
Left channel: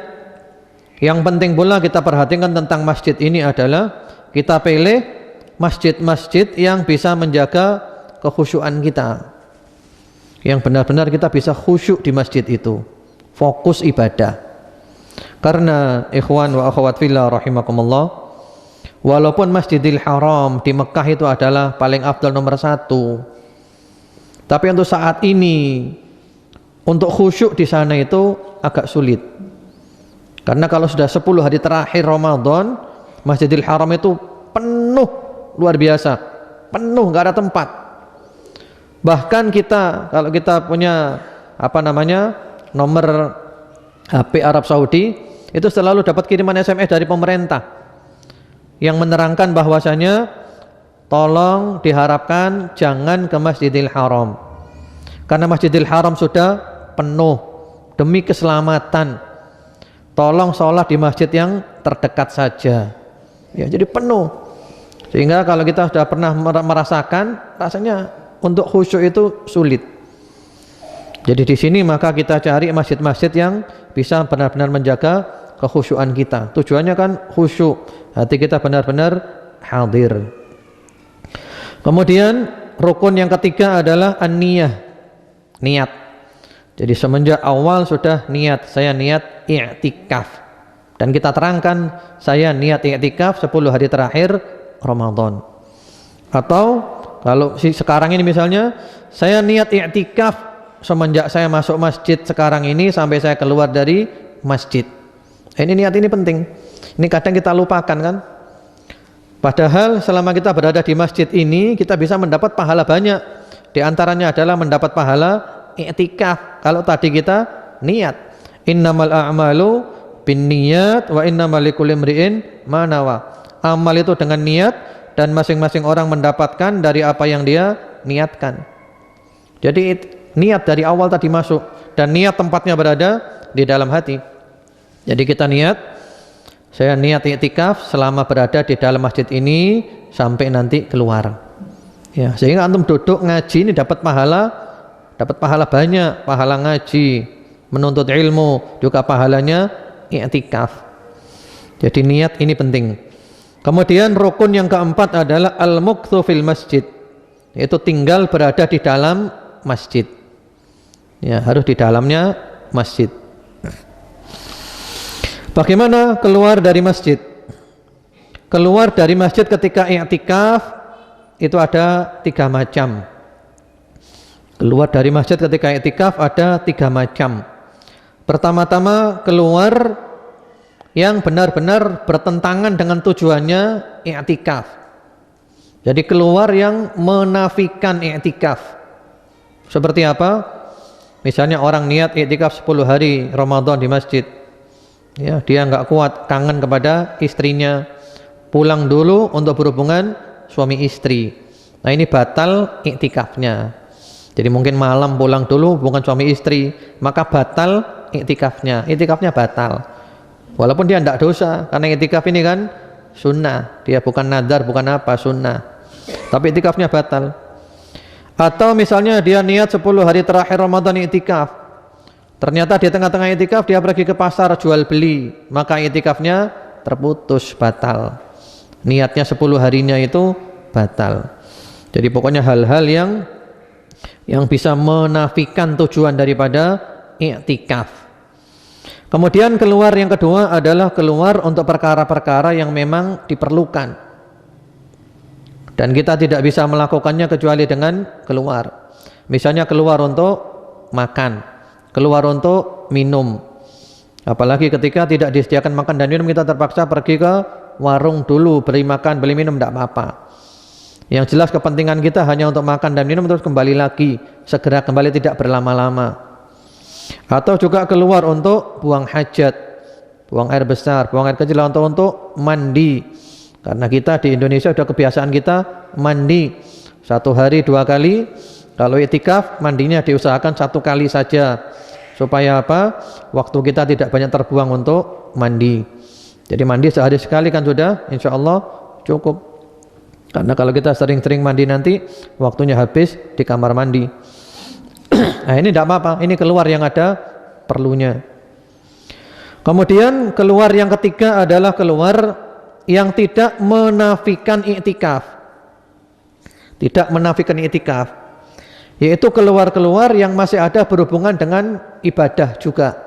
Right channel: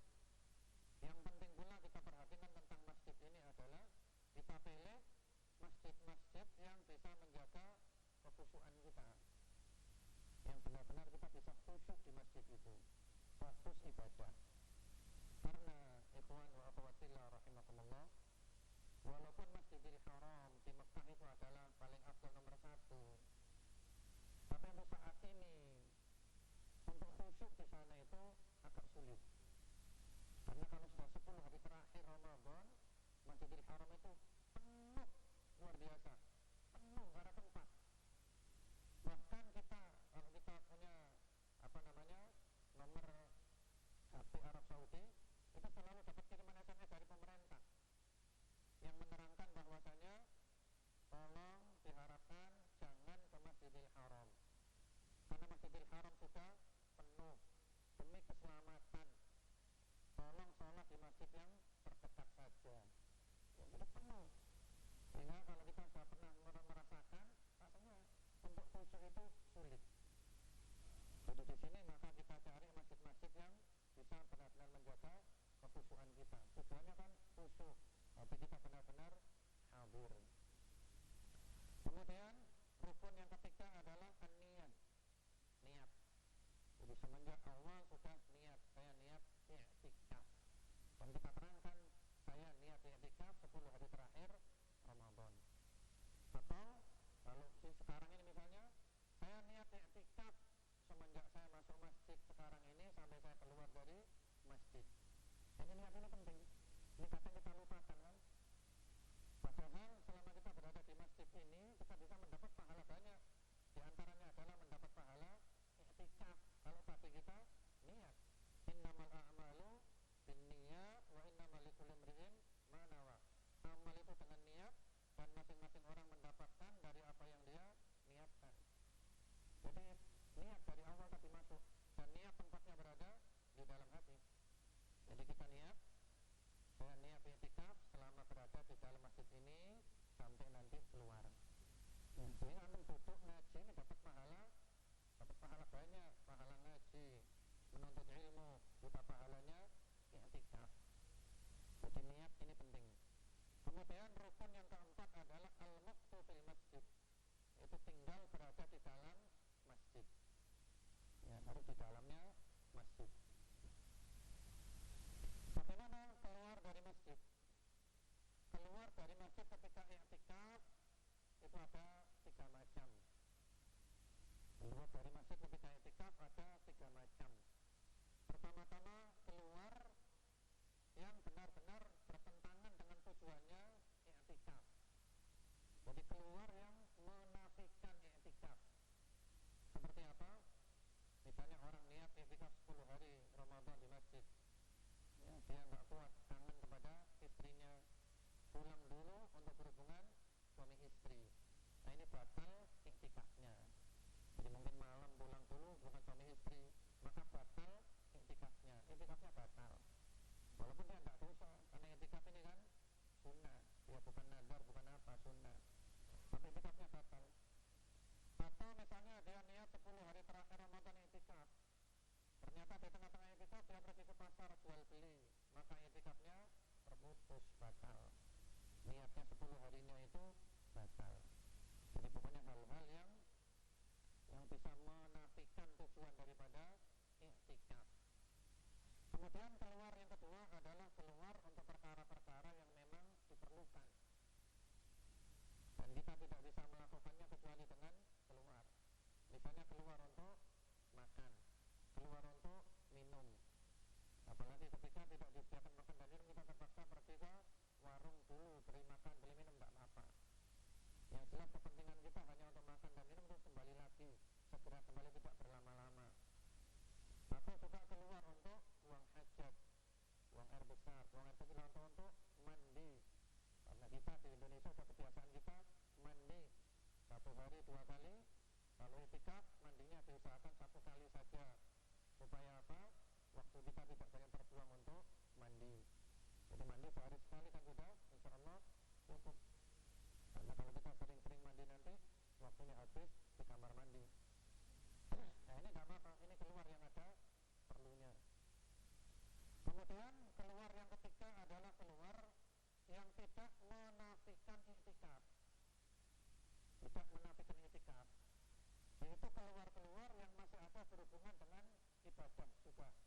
yang penting pula kita perhatikan tentang masjid ini adalah kita pilih masjid-masjid yang bisa menjaga kekhusyuan kita, yang benar-benar kita bisa khusyuk di masjid itu, fokus ibadah. Karena ikhwan wa akhwat fillah rahimakumullah, walaupun Masjidil Haram di Mekah itu adalah paling afdal nomor 1, tapi untuk saat ini untuk khusyuk di sana itu agak sulit. Karena kalau sudah 10 hari terakhir Ramadan, Masjidil Haram itu penuh, luar biasa, penuh, nggak ada tempat. Bahkan kita, kalau kita punya nomor HP Arab Saudi, itu selalu dapat kiriman SMS dari pemerintah yang menerangkan bahwasanya tolong diharapkan jangan ke Masjidil Haram, karena Masjidil Haram sudah penuh. Demi keselamatan, tolong sholat di masjid yang terdekat saja. Ya, jadi penuh. Sehingga kalau kita sudah pernah merasakan, rasanya untuk khusyuk itu sulit. Jadi di sini maka kita cari masjid-masjid yang bisa benar-benar menjaga kekhusyuan kita. Tujuannya kan khusyuk, hati kita benar-benar hadir. Kemudian rukun yang ketiga adalah an-niyah, niat. Jadi semenjak awal sudah niat, saya niat i'tikaf. Dan kita terangkan, saya niat i'tikaf 10 hari terakhir Ramadan. Atau kalau sekarang ini misalnya, saya niat i'tikaf semenjak saya masuk masjid sekarang ini sampai saya keluar dari masjid. Ini niat ini penting. Ini kadang kita lupakan kan. Padahal selama kita berada di masjid ini, kita bisa mendapat pahala banyak. Di antaranya adalah mendapat pahala i'tikaf. Kalau tadi kita niat, innamal a'malu binniyat wa innamal likulli imri'in ma nawa. Amal itu dengan niat dan masing-masing orang mendapatkan dari apa yang dia niatkan. Jadi niat dari awal tadi masuk, dan niat tempatnya berada di dalam hati. Jadi kita niat, saya niat i'tikaf selama berada di dalam masjid ini sampai nanti keluar. Ya, sehingga antum duduk ngaji ini dapat pahala banyak, pahala ngaji, menuntut ilmu, juga pahalanya i'tikaf. Jadi niat ini penting. Kemudian rukun yang keempat adalah al-mukthu fil masjid, yaitu tinggal berada di dalam masjid. Ya, harus di dalamnya masjid. Bagaimana keluar dari masjid? Keluar dari masjid ketika i'tikaf itu ada 3 macam. Keluar dari masjid ketika i'tikaf ada 3 macam. Pertama-tama keluar yang benar-benar bertentangan dengan tujuannya i'tikaf. Jadi keluar yang menafikan i'tikaf. Seperti apa? Misalnya orang niat i'tikaf 10 hari Ramadan di masjid. Ya, dia enggak kuat, kangen kepada istrinya. Pulang dulu untuk berhubungan suami istri. Nah, ini batal i'tikafnya. Jadi mungkin malam pulang dulu hubungan suami istri, maka batal i'tikafnya. I'tikafnya batal. Walaupun dia tidak dosa, karena i'tikaf ini kan sunnah, dia bukan nadar, bukan apa, sunnah. Tapi i'tikafnya batal. Atau misalnya dia niat 10 hari terakhir Ramadan i'tikaf, ternyata di tengah-tengah i'tikaf dia pergi ke pasar jual beli, maka i'tikafnya terputus, batal. Niatnya 10 harinya itu batal. Jadi pokoknya hal-hal yang bisa menafikan tujuan daripada i'tikaf. Kemudian keluar yang kedua adalah keluar untuk perkara-perkara yang memang diperlukan, dan kita tidak bisa melakukannya kecuali dengan keluar. Misalnya keluar untuk makan, keluar untuk minum. Apalagi ketika tidak disediakan makan dan minum, kita terpaksa pergi ke warung dulu, beli makan, beli minum, tidak apa-apa. Yang jelas kepentingan kita hanya untuk makan dan minum, terus kembali lagi, segera kembali, tidak berlama-lama. Atau juga keluar untuk buang hajat, buang air besar, buang air kecil, untuk mandi. Karena kita di Indonesia sudah kebiasaan kita mandi 1 hari 2 kali. Kalau i'tikaf mandinya diusahakan 1 kali saja, supaya apa? Waktu kita tidak banyak terbuang untuk mandi. Jadi mandi sehari sekali kan sudah insya Allah cukup. Karena kalau kita sering-sering mandi nanti waktunya habis di kamar mandi. Nah, ini tidak apa-apa, ini keluar yang ada perlunya. Kemudian keluar yang ketiga adalah keluar yang tidak menafikan i'tikaf. Tidak menafikan i'tikaf, yaitu keluar-keluar yang masih ada berhubungan dengan ibadah juga.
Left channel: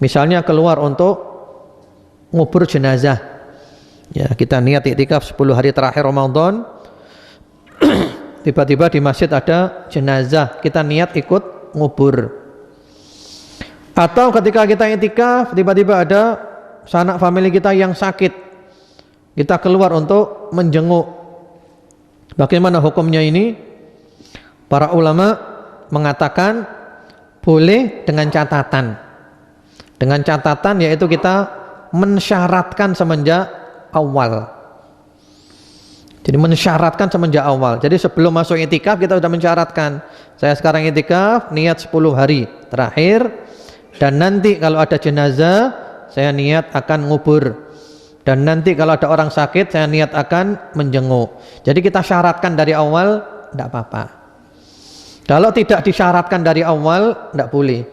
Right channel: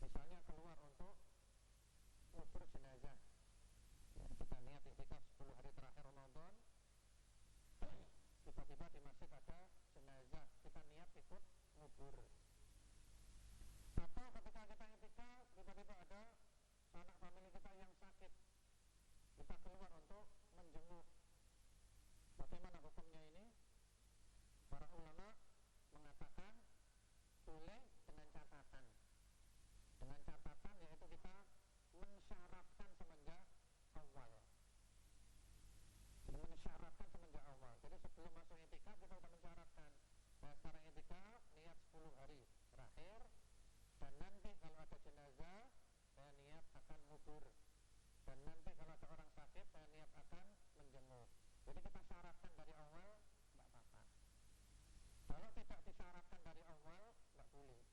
Misalnya keluar untuk ngubur jenazah. Ya, kita niat i'tikaf 10 hari terakhir Ramadan. Tiba-tiba di masjid ada jenazah, kita niat ikut ngubur. Atau ketika kita i'tikaf, tiba-tiba ada sanak famili kita yang sakit, kita keluar untuk menjenguk. Bagaimana hukumnya ini? Para ulama mengatakan boleh dengan catatan. Dengan catatan yaitu kita mensyaratkan semenjak awal. Jadi mensyaratkan semenjak awal. Jadi sebelum masuk i'tikaf kita sudah mensyaratkan, saya sekarang i'tikaf niat 10 hari terakhir, dan nanti kalau ada jenazah saya niat akan ngubur, dan nanti kalau ada orang sakit saya niat akan menjenguk. Jadi kita syaratkan dari awal, tidak apa-apa. Kalau tidak disyaratkan dari awal, tidak boleh.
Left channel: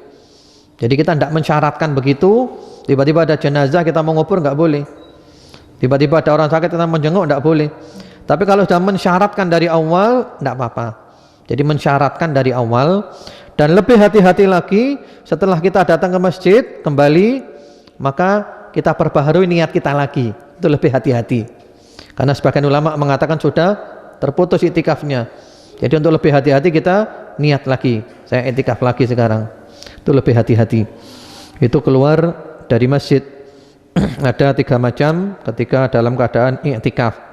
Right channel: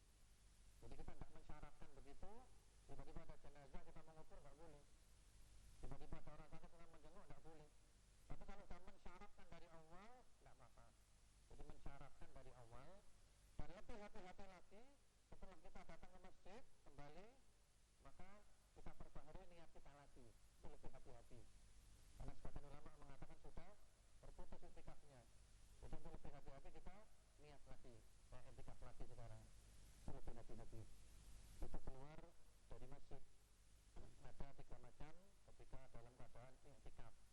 Jadi kita tidak mensyaratkan begitu, tiba-tiba ada jenazah kita mau ngubur, nggak boleh. Tiba-tiba ada orang sakit kita menjenguk, tidak boleh. Tapi kalau sudah mensyaratkan dari awal, tidak apa-apa. Jadi mensyaratkan dari awal. Dan lebih hati-hati lagi, setelah kita datang ke masjid kembali, maka kita perbaharui niat kita lagi. Itu lebih hati-hati. Karena sebagian ulama mengatakan sudah terputus i'tikafnya. Jadi untuk lebih hati-hati kita niat lagi, saya i'tikaf lagi sekarang. Itu lebih hati-hati. Itu keluar dari masjid. Ada 3 macam ketika dalam keadaan i'tikaf.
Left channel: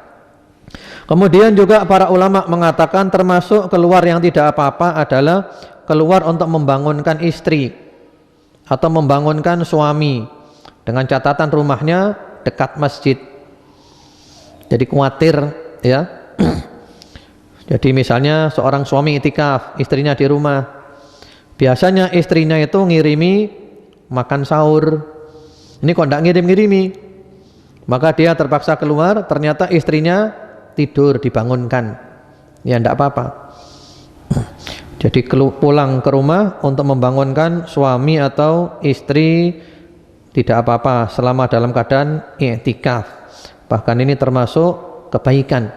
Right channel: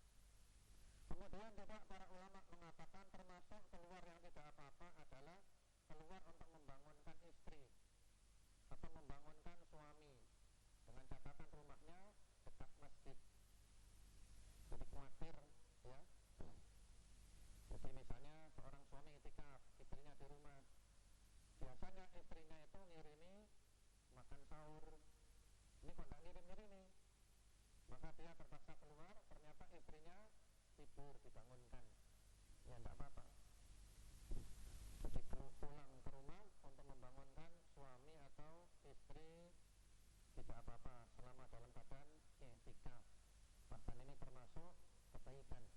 Kemudian juga para ulama mengatakan termasuk keluar yang tidak apa-apa adalah keluar untuk membangunkan istri atau membangunkan suami, dengan catatan rumahnya dekat masjid. Jadi khawatir ya. Jadi misalnya seorang suami itikaf, istrinya di rumah. Biasanya istrinya itu ngirimi makan sahur. Ini kok enggak ngirim-ngirimi. Maka dia terpaksa keluar, ternyata istrinya tidur, dibangunkan. Ya enggak apa-apa. Jadi pulang ke rumah untuk membangunkan suami atau istri tidak apa-apa selama dalam keadaan i'tikaf. Bahkan ini termasuk kebaikan,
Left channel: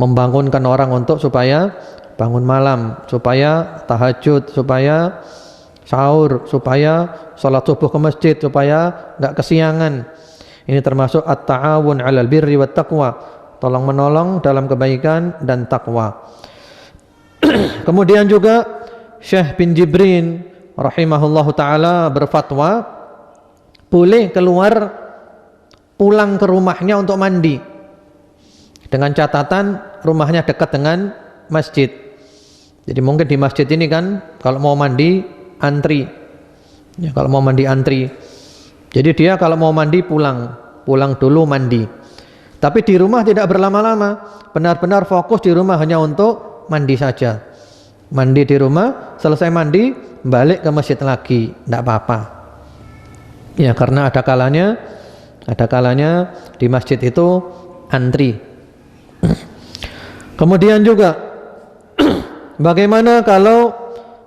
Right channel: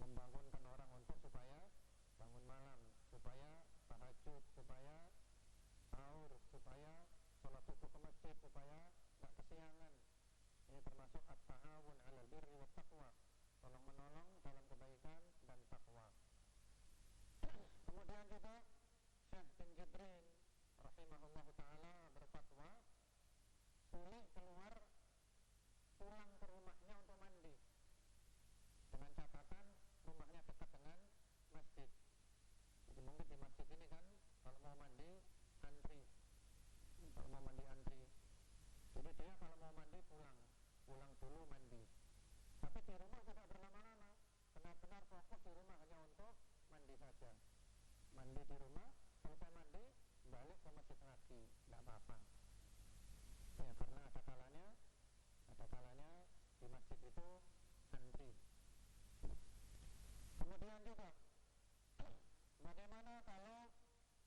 membangunkan orang untuk supaya bangun malam, supaya tahajud, supaya sahur, supaya salat subuh ke masjid, supaya enggak kesiangan. Ini termasuk at-ta'awun 'alal birri wat taqwa, tolong menolong dalam kebaikan dan takwa. Kemudian juga Syekh bin Jibrin rahimahullahu taala berfatwa boleh keluar pulang ke rumahnya untuk mandi dengan catatan rumahnya dekat dengan masjid. Jadi mungkin di masjid ini kan kalau mau mandi antri. Ya, kalau mau mandi antri. Jadi dia kalau mau mandi pulang dulu mandi. Tapi di rumah tidak berlama-lama, benar-benar fokus di rumah hanya untuk mandi saja. Mandi di rumah, selesai mandi balik ke masjid lagi, tidak apa-apa. Ya karena ada kalanya di masjid itu antri. Kemudian juga bagaimana kalau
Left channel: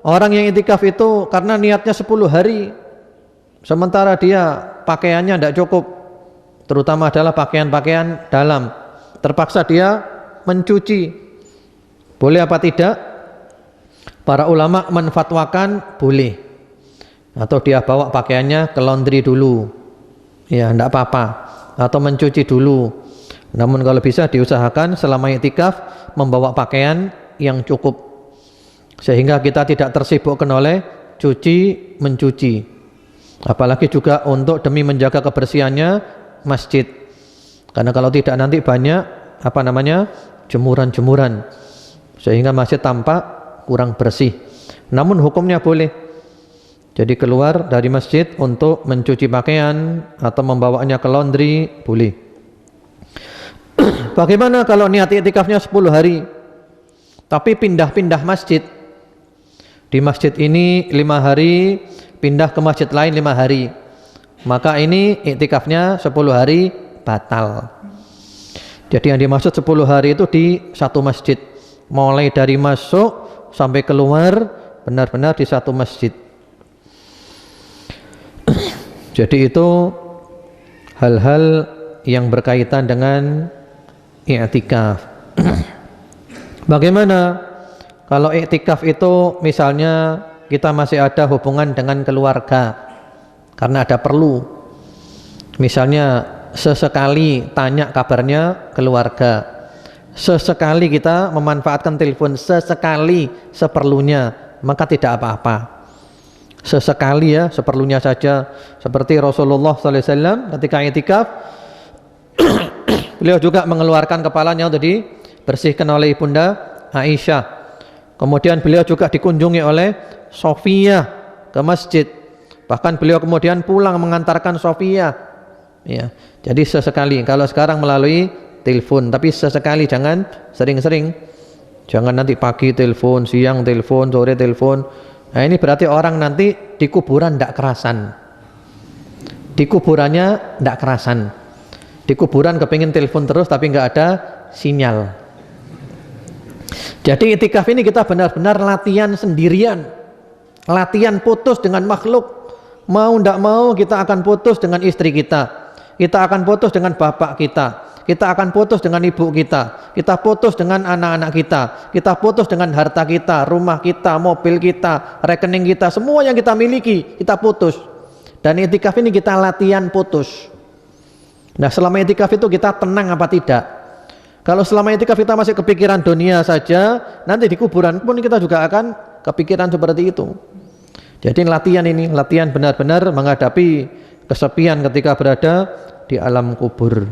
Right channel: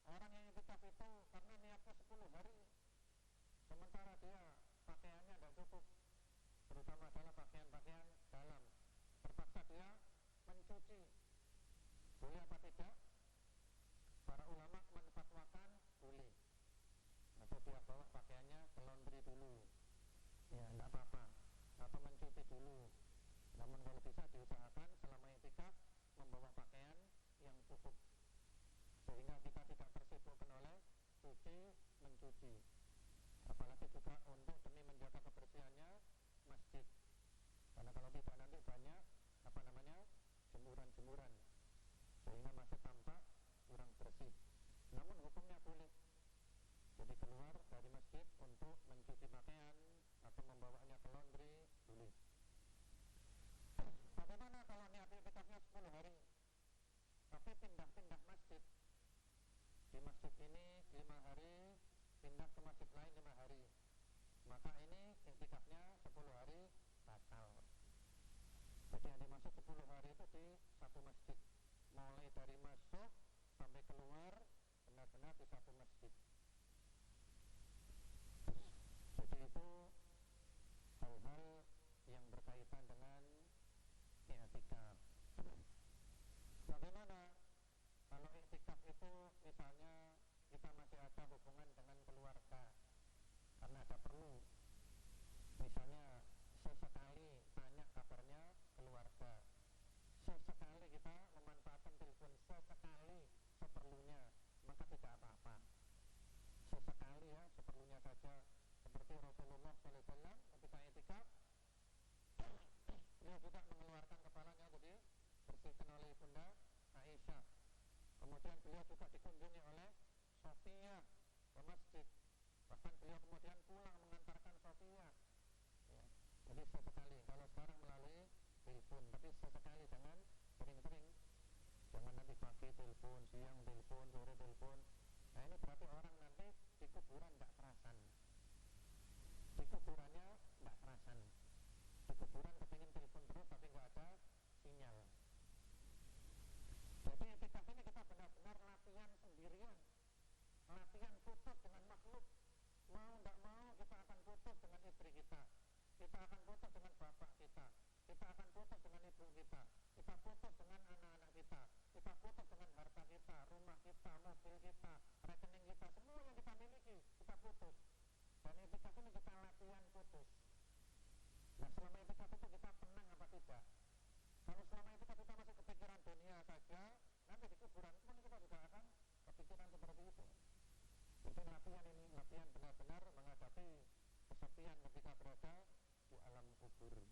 orang yang itikaf itu karena niatnya 10 hari, sementara dia pakaiannya tidak cukup, terutama adalah pakaian-pakaian dalam, terpaksa dia mencuci, boleh apa tidak? Para ulama menfatwakan boleh, atau dia bawa pakaiannya ke laundry dulu, ya tidak apa-apa, atau mencuci dulu. Namun kalau bisa diusahakan selama i'tikaf membawa pakaian yang cukup, sehingga kita tidak tersibukkan oleh cuci mencuci. Apalagi juga untuk demi menjaga kebersihannya masjid, karena kalau tidak nanti banyak jemuran-jemuran, sehingga masjid tampak kurang bersih. Namun hukumnya boleh. Jadi keluar dari masjid untuk mencuci pakaian atau membawanya ke laundry boleh. Bagaimana kalau niat i'tikafnya 10 hari tapi pindah-pindah masjid? Di masjid ini 5 hari, pindah ke masjid lain 5 hari. Maka ini i'tikafnya 10 hari batal. Jadi yang dimaksud 10 hari itu di satu masjid, mulai dari masuk sampai keluar benar-benar di satu masjid. Jadi itu hal-hal yang berkaitan dengan i'tikaf. Bagaimana kalau i'tikaf itu misalnya kita masih ada hubungan dengan keluarga karena ada perlu, misalnya sesekali tanya kabarnya keluarga, sesekali kita memanfaatkan telepon, sesekali seperlunya, maka tidak apa-apa. Sesekali ya, seperlunya saja. Seperti Rasulullah SAW ketika i'tikaf beliau juga mengeluarkan kepalanya untuk dibersihkan oleh Ibunda Aisyah. Kemudian beliau juga dikunjungi oleh Sofia ke masjid. Bahkan beliau kemudian pulang mengantarkan Sofia. Ya, jadi sesekali. Kalau sekarang melalui telepon, tapi sesekali, jangan sering-sering. Jangan nanti pagi telepon, siang telepon, sore telepon. Nah ini berarti orang nanti di kuburan tidak kerasan. Di kuburannya tidak kerasan. Di kuburan kepingin telepon terus tapi nggak ada sinyal. Jadi i'tikaf ini kita benar-benar latihan sendirian. Latihan putus dengan makhluk. Mau tidak mau kita akan putus dengan istri kita. Kita akan putus dengan bapak kita. Kita akan putus dengan ibu kita. Kita putus dengan anak-anak kita. Kita putus dengan harta kita, rumah kita, mobil kita, rekening kita, semua yang kita miliki, kita putus. Dan i'tikaf ini kita latihan putus. Nah, selama i'tikaf itu kita tenang apa tidak? Kalau selama i'tikaf kita masih kepikiran dunia saja, nanti di kuburan pun kita juga akan kepikiran seperti itu. Jadi latihan ini, latihan benar-benar menghadapi kesepian ketika berada di alam kubur.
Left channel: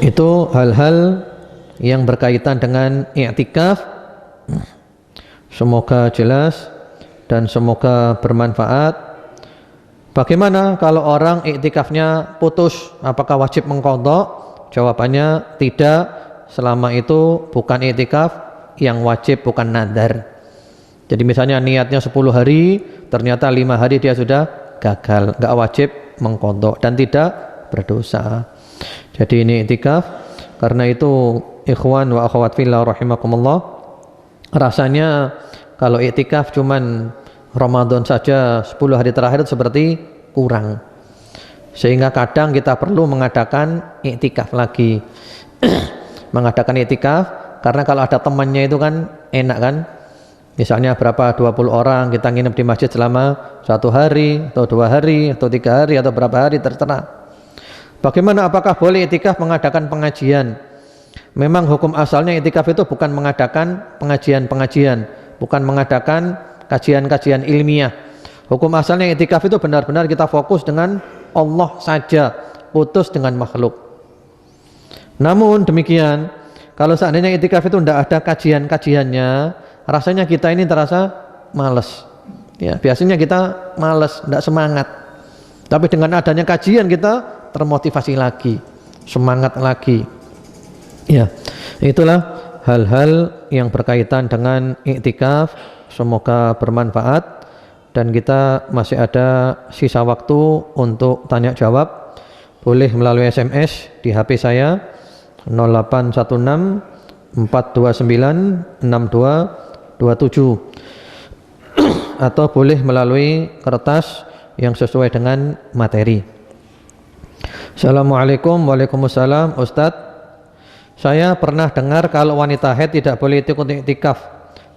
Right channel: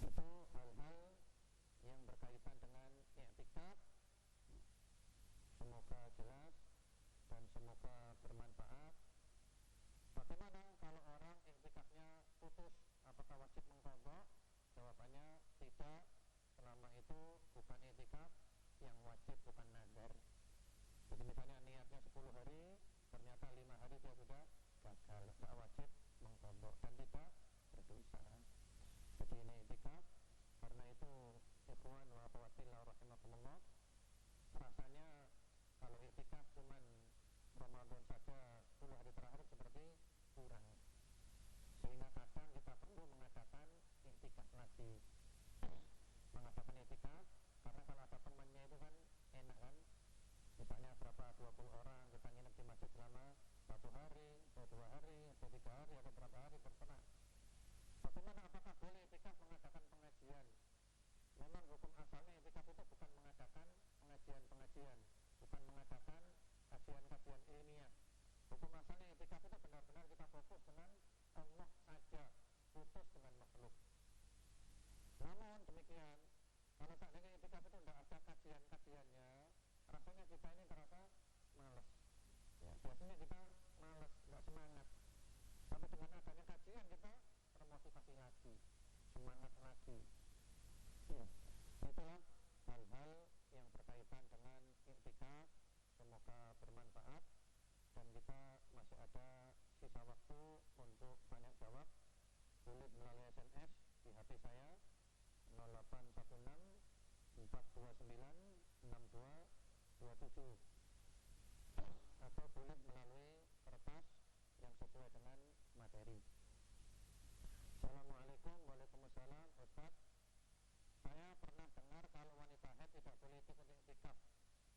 Itu hal-hal yang berkaitan dengan i'tikaf. Semoga jelas dan semoga bermanfaat. Bagaimana kalau orang iktikafnya putus? Apakah wajib mengqadha? Jawabannya tidak, selama itu bukan iktikaf yang wajib, bukan nadar. Jadi misalnya niatnya 10 hari, ternyata 5 hari dia sudah gagal, enggak wajib mengqadha dan tidak berdosa. Jadi ini iktikaf. Karena itu ikhwan wa akhwat fillah rahimakumullah, rasanya kalau iktikaf cuman Ramadan saja 10 hari terakhir itu seperti kurang. Sehingga kadang kita perlu mengadakan iktikaf lagi. Mengadakan iktikaf karena kalau ada temannya itu kan enak kan. Misalnya berapa 20 orang kita nginep di masjid selama 1 hari atau 2 hari atau 3 hari atau berapa hari terserah. Bagaimana, apakah boleh iktikaf mengadakan pengajian? Memang hukum asalnya iktikaf itu bukan mengadakan pengajian-pengajian, bukan mengadakan kajian-kajian ilmiah. Hukum asalnya iktikaf itu benar-benar kita fokus dengan Allah saja, putus dengan makhluk. Namun demikian, kalau seandainya iktikaf itu tidak ada kajian-kajiannya, rasanya kita ini terasa malas. Ya, biasanya kita malas, tidak semangat. Tapi dengan adanya kajian kita termotivasi lagi, semangat lagi. Ya, itulah hal-hal yang berkaitan dengan iktikaf. Semoga bermanfaat dan kita masih ada sisa waktu untuk tanya jawab. Boleh melalui SMS di HP saya 0816 429 6227 atau boleh melalui kertas yang sesuai dengan materi. Assalamualaikum. Waalaikumsalam. Ustadz, saya pernah dengar kalau wanita haid tidak boleh ikut iktikaf.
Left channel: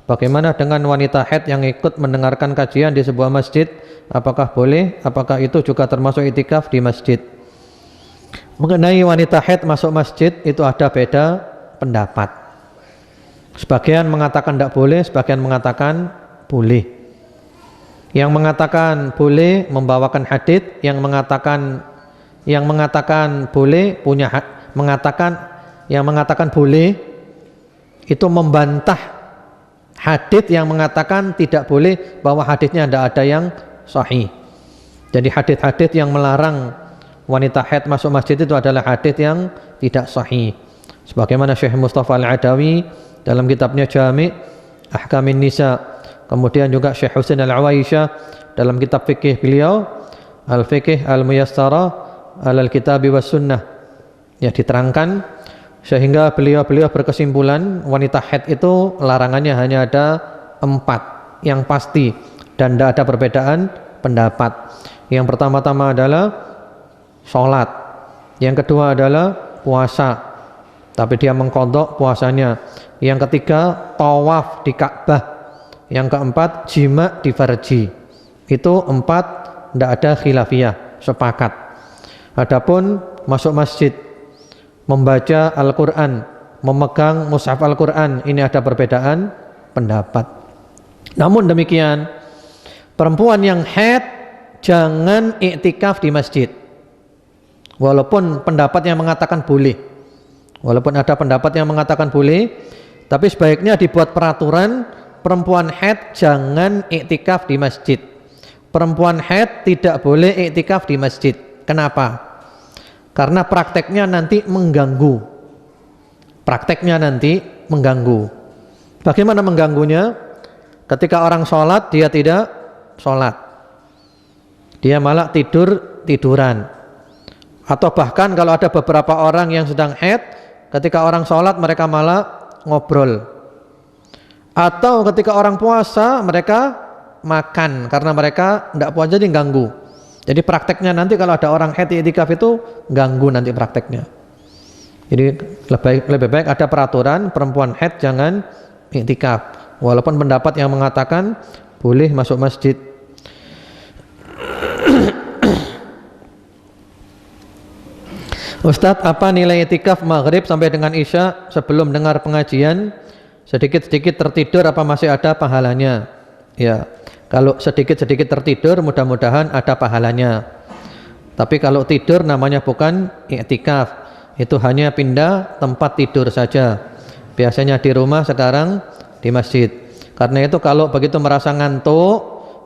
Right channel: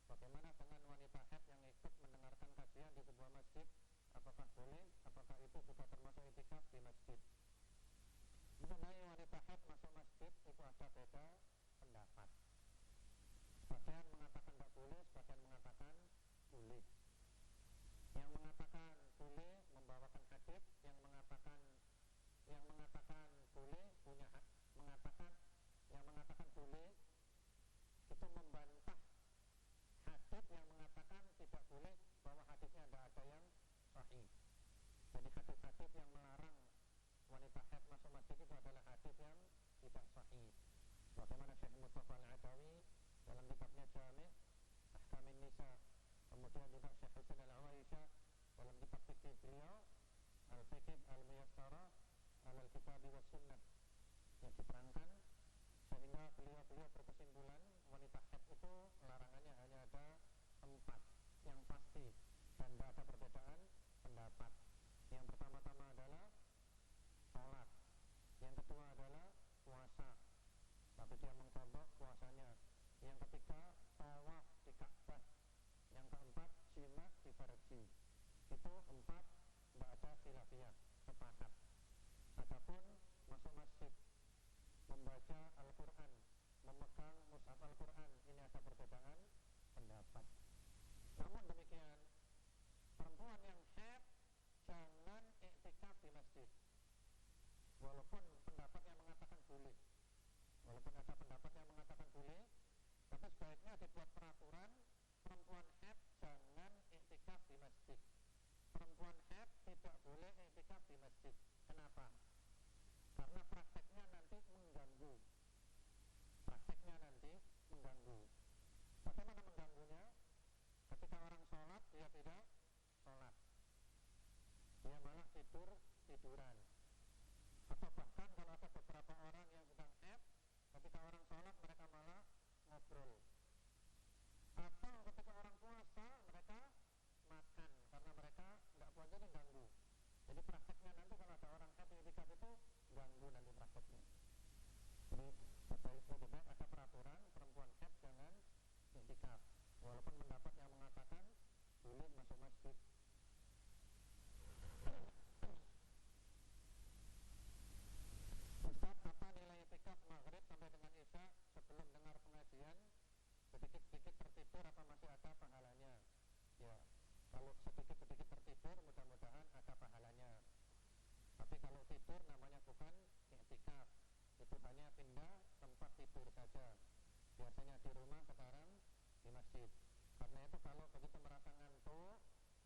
Bagaimana dengan wanita haid yang ikut mendengarkan kajian di sebuah masjid? Apakah boleh? Apakah itu juga termasuk iktikaf di masjid? Mengenai wanita haid masuk masjid itu ada beda pendapat. Sebagian mengatakan tidak boleh, sebagian mengatakan boleh. Yang mengatakan boleh membawakan hadits, yang mengatakan boleh punya yang mengatakan boleh itu membantah hadits yang mengatakan tidak boleh, bahwa haditsnya tidak ada yang sahih. Jadi hadits-hadits yang melarang wanita haid masuk masjid itu adalah hadits yang tidak sahih. Sebagaimana Syekh Mustafa Al-Adawi dalam kitabnya Jami' Ahkamin Nisa, kemudian juga Syekh Husain Al-Awaisyah dalam kitab fikih beliau Al-Fiqh Al-Muyassara Al-Kitabi was Sunnah, ya diterangkan sehingga beliau berkesimpulan wanita haid itu larangannya hanya ada 4 yang pasti dan tidak ada perbedaan pendapat. Yang pertama-tama adalah sholat, yang kedua adalah puasa tapi dia mengqadha puasanya, yang ketiga tawaf di Ka'bah, yang keempat jima di farji. Itu 4 tidak ada khilafiyah, sepakat. Adapun masuk masjid, membaca Al-Quran, memegang mushaf Al-Quran, ini ada perbedaan pendapat. Namun demikian, perempuan yang haid jangan iktikaf di masjid. Walaupun pendapat yang mengatakan boleh, walaupun ada pendapat yang mengatakan boleh, tapi sebaiknya dibuat peraturan perempuan haid jangan iktikaf di masjid. Perempuan haid tidak boleh iktikaf di masjid. Kenapa? Karena prakteknya nanti mengganggu. Prakteknya nanti mengganggu. Bagaimana mengganggunya? Ketika orang sholat dia tidak sholat, dia malah tiduran. Atau bahkan kalau ada beberapa orang yang sedang haid, ketika orang sholat mereka malah ngobrol. Atau ketika orang puasa mereka makan karena mereka tidak puasa, jadi ganggu. Jadi prakteknya nanti kalau ada orang haid iktikaf itu ganggu nanti prakteknya. Jadi lebih baik ada peraturan perempuan haid jangan iktikaf. Walaupun pendapat yang mengatakan boleh masuk masjid. Ustadz, apa nilai iktikaf maghrib sampai dengan isya sebelum dengar pengajian? Sedikit-sedikit tertidur apa masih ada pahalanya? Ya, kalau sedikit-sedikit tertidur mudah-mudahan ada pahalanya. Tapi kalau tidur namanya bukan iktikaf, itu hanya pindah tempat tidur saja. Biasanya di rumah, sekarang di masjid. Karena itu kalau begitu merasa ngantuk,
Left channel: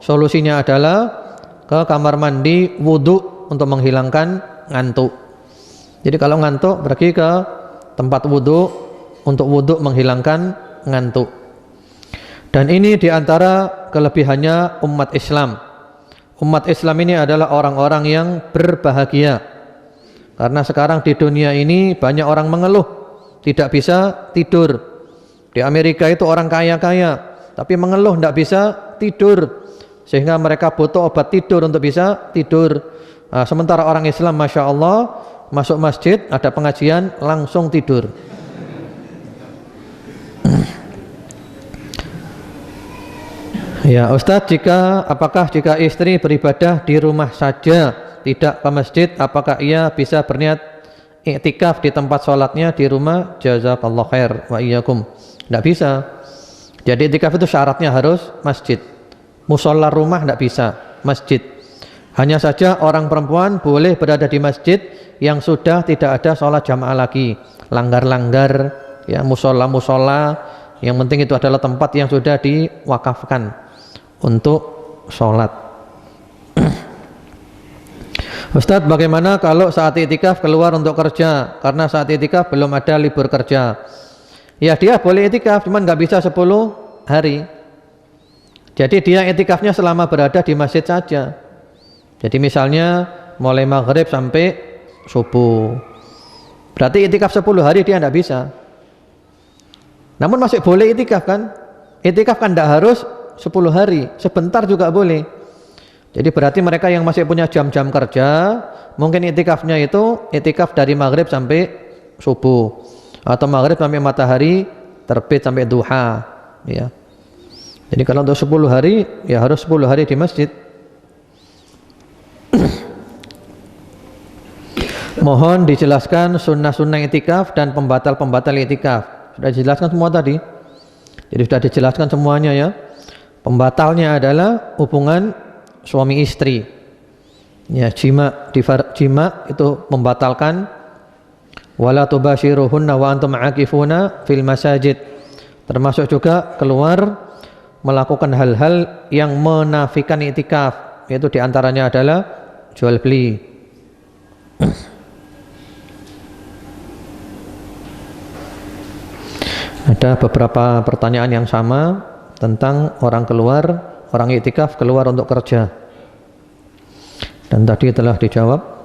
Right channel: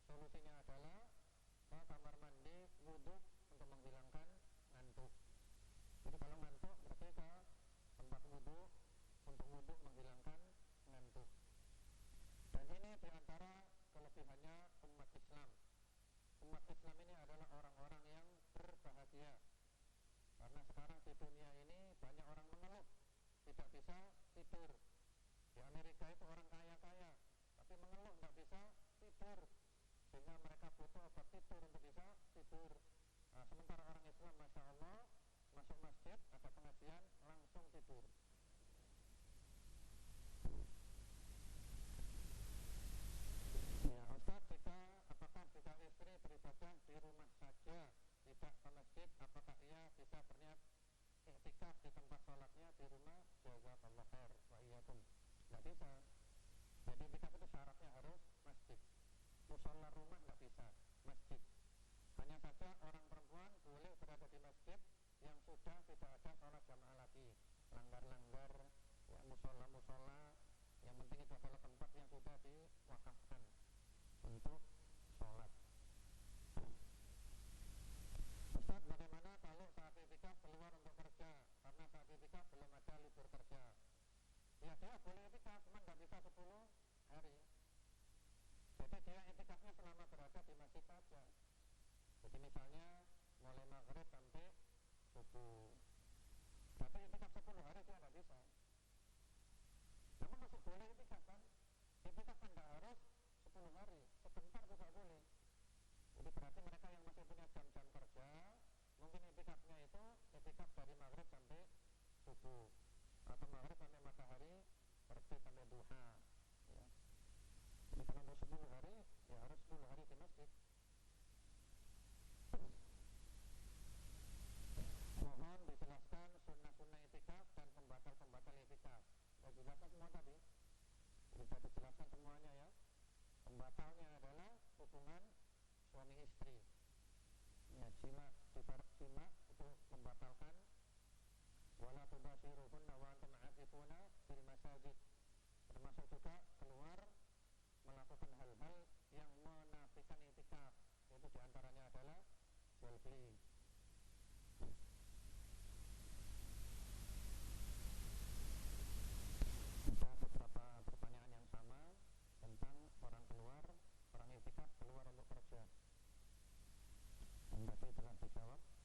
solusinya adalah ke kamar mandi wudhu untuk menghilangkan ngantuk. Jadi kalau ngantuk pergi ke tempat wudhu untuk wudhu menghilangkan ngantuk. Dan ini diantara kelebihannya umat Islam. Umat Islam ini adalah orang-orang yang berbahagia. Karena sekarang di dunia ini banyak orang mengeluh tidak bisa tidur. Di Amerika itu orang kaya-kaya tapi mengeluh tidak bisa tidur, sehingga mereka butuh obat tidur untuk bisa tidur. Nah, sementara orang Islam Masya Allah masuk masjid ada pengajian langsung tidur. Ya Ustadz, apakah jika istri beribadah di rumah saja tidak ke masjid, apakah ia bisa berniat iktikaf di tempat sholatnya di rumah? Jazakallah khair wa iyyakum. Tidak bisa. Jadi iktikaf itu syaratnya harus masjid. Musola rumah tidak bisa, masjid. Hanya saja orang perempuan boleh berada di masjid yang sudah tidak ada sholat jamaah lagi. Langgar-langgar, ya musola-musola, yang penting itu adalah tempat yang sudah diwakafkan untuk sholat. Ustadz, bagaimana kalau saat iktikaf keluar untuk kerja? Karena saat iktikaf belum ada libur kerja. Ya dia boleh iktikaf, cuman nggak bisa 10 hari. Jadi dia iktikafnya selama berada di masjid saja. Jadi misalnya mulai maghrib sampai subuh. Berarti iktikaf 10 hari dia tidak bisa. Namun masih boleh iktikaf kan? Iktikaf kan tidak harus 10 hari, sebentar juga boleh. Jadi berarti mereka yang masih punya jam-jam kerja, mungkin iktikafnya itu iktikaf dari maghrib sampai subuh, atau maghrib sampai matahari terbit sampai duha, ya. Jadi kalau untuk 10 hari ya harus 10 hari di masjid. Mohon dijelaskan sunnah-sunnah iktikaf dan pembatal-pembatal iktikaf. Sudah dijelaskan semua tadi. Jadi sudah dijelaskan semuanya ya. Pembatalnya adalah hubungan suami istri. Ya, jima itu membatalkan. Wala tubashiruhunna wa antum aakifuna fil masajid. Termasuk juga keluar melakukan hal-hal yang menafikan iktikaf, yaitu diantaranya adalah jual beli. Ada beberapa pertanyaan yang sama tentang orang iktikaf keluar untuk kerja, dan tadi telah dijawab.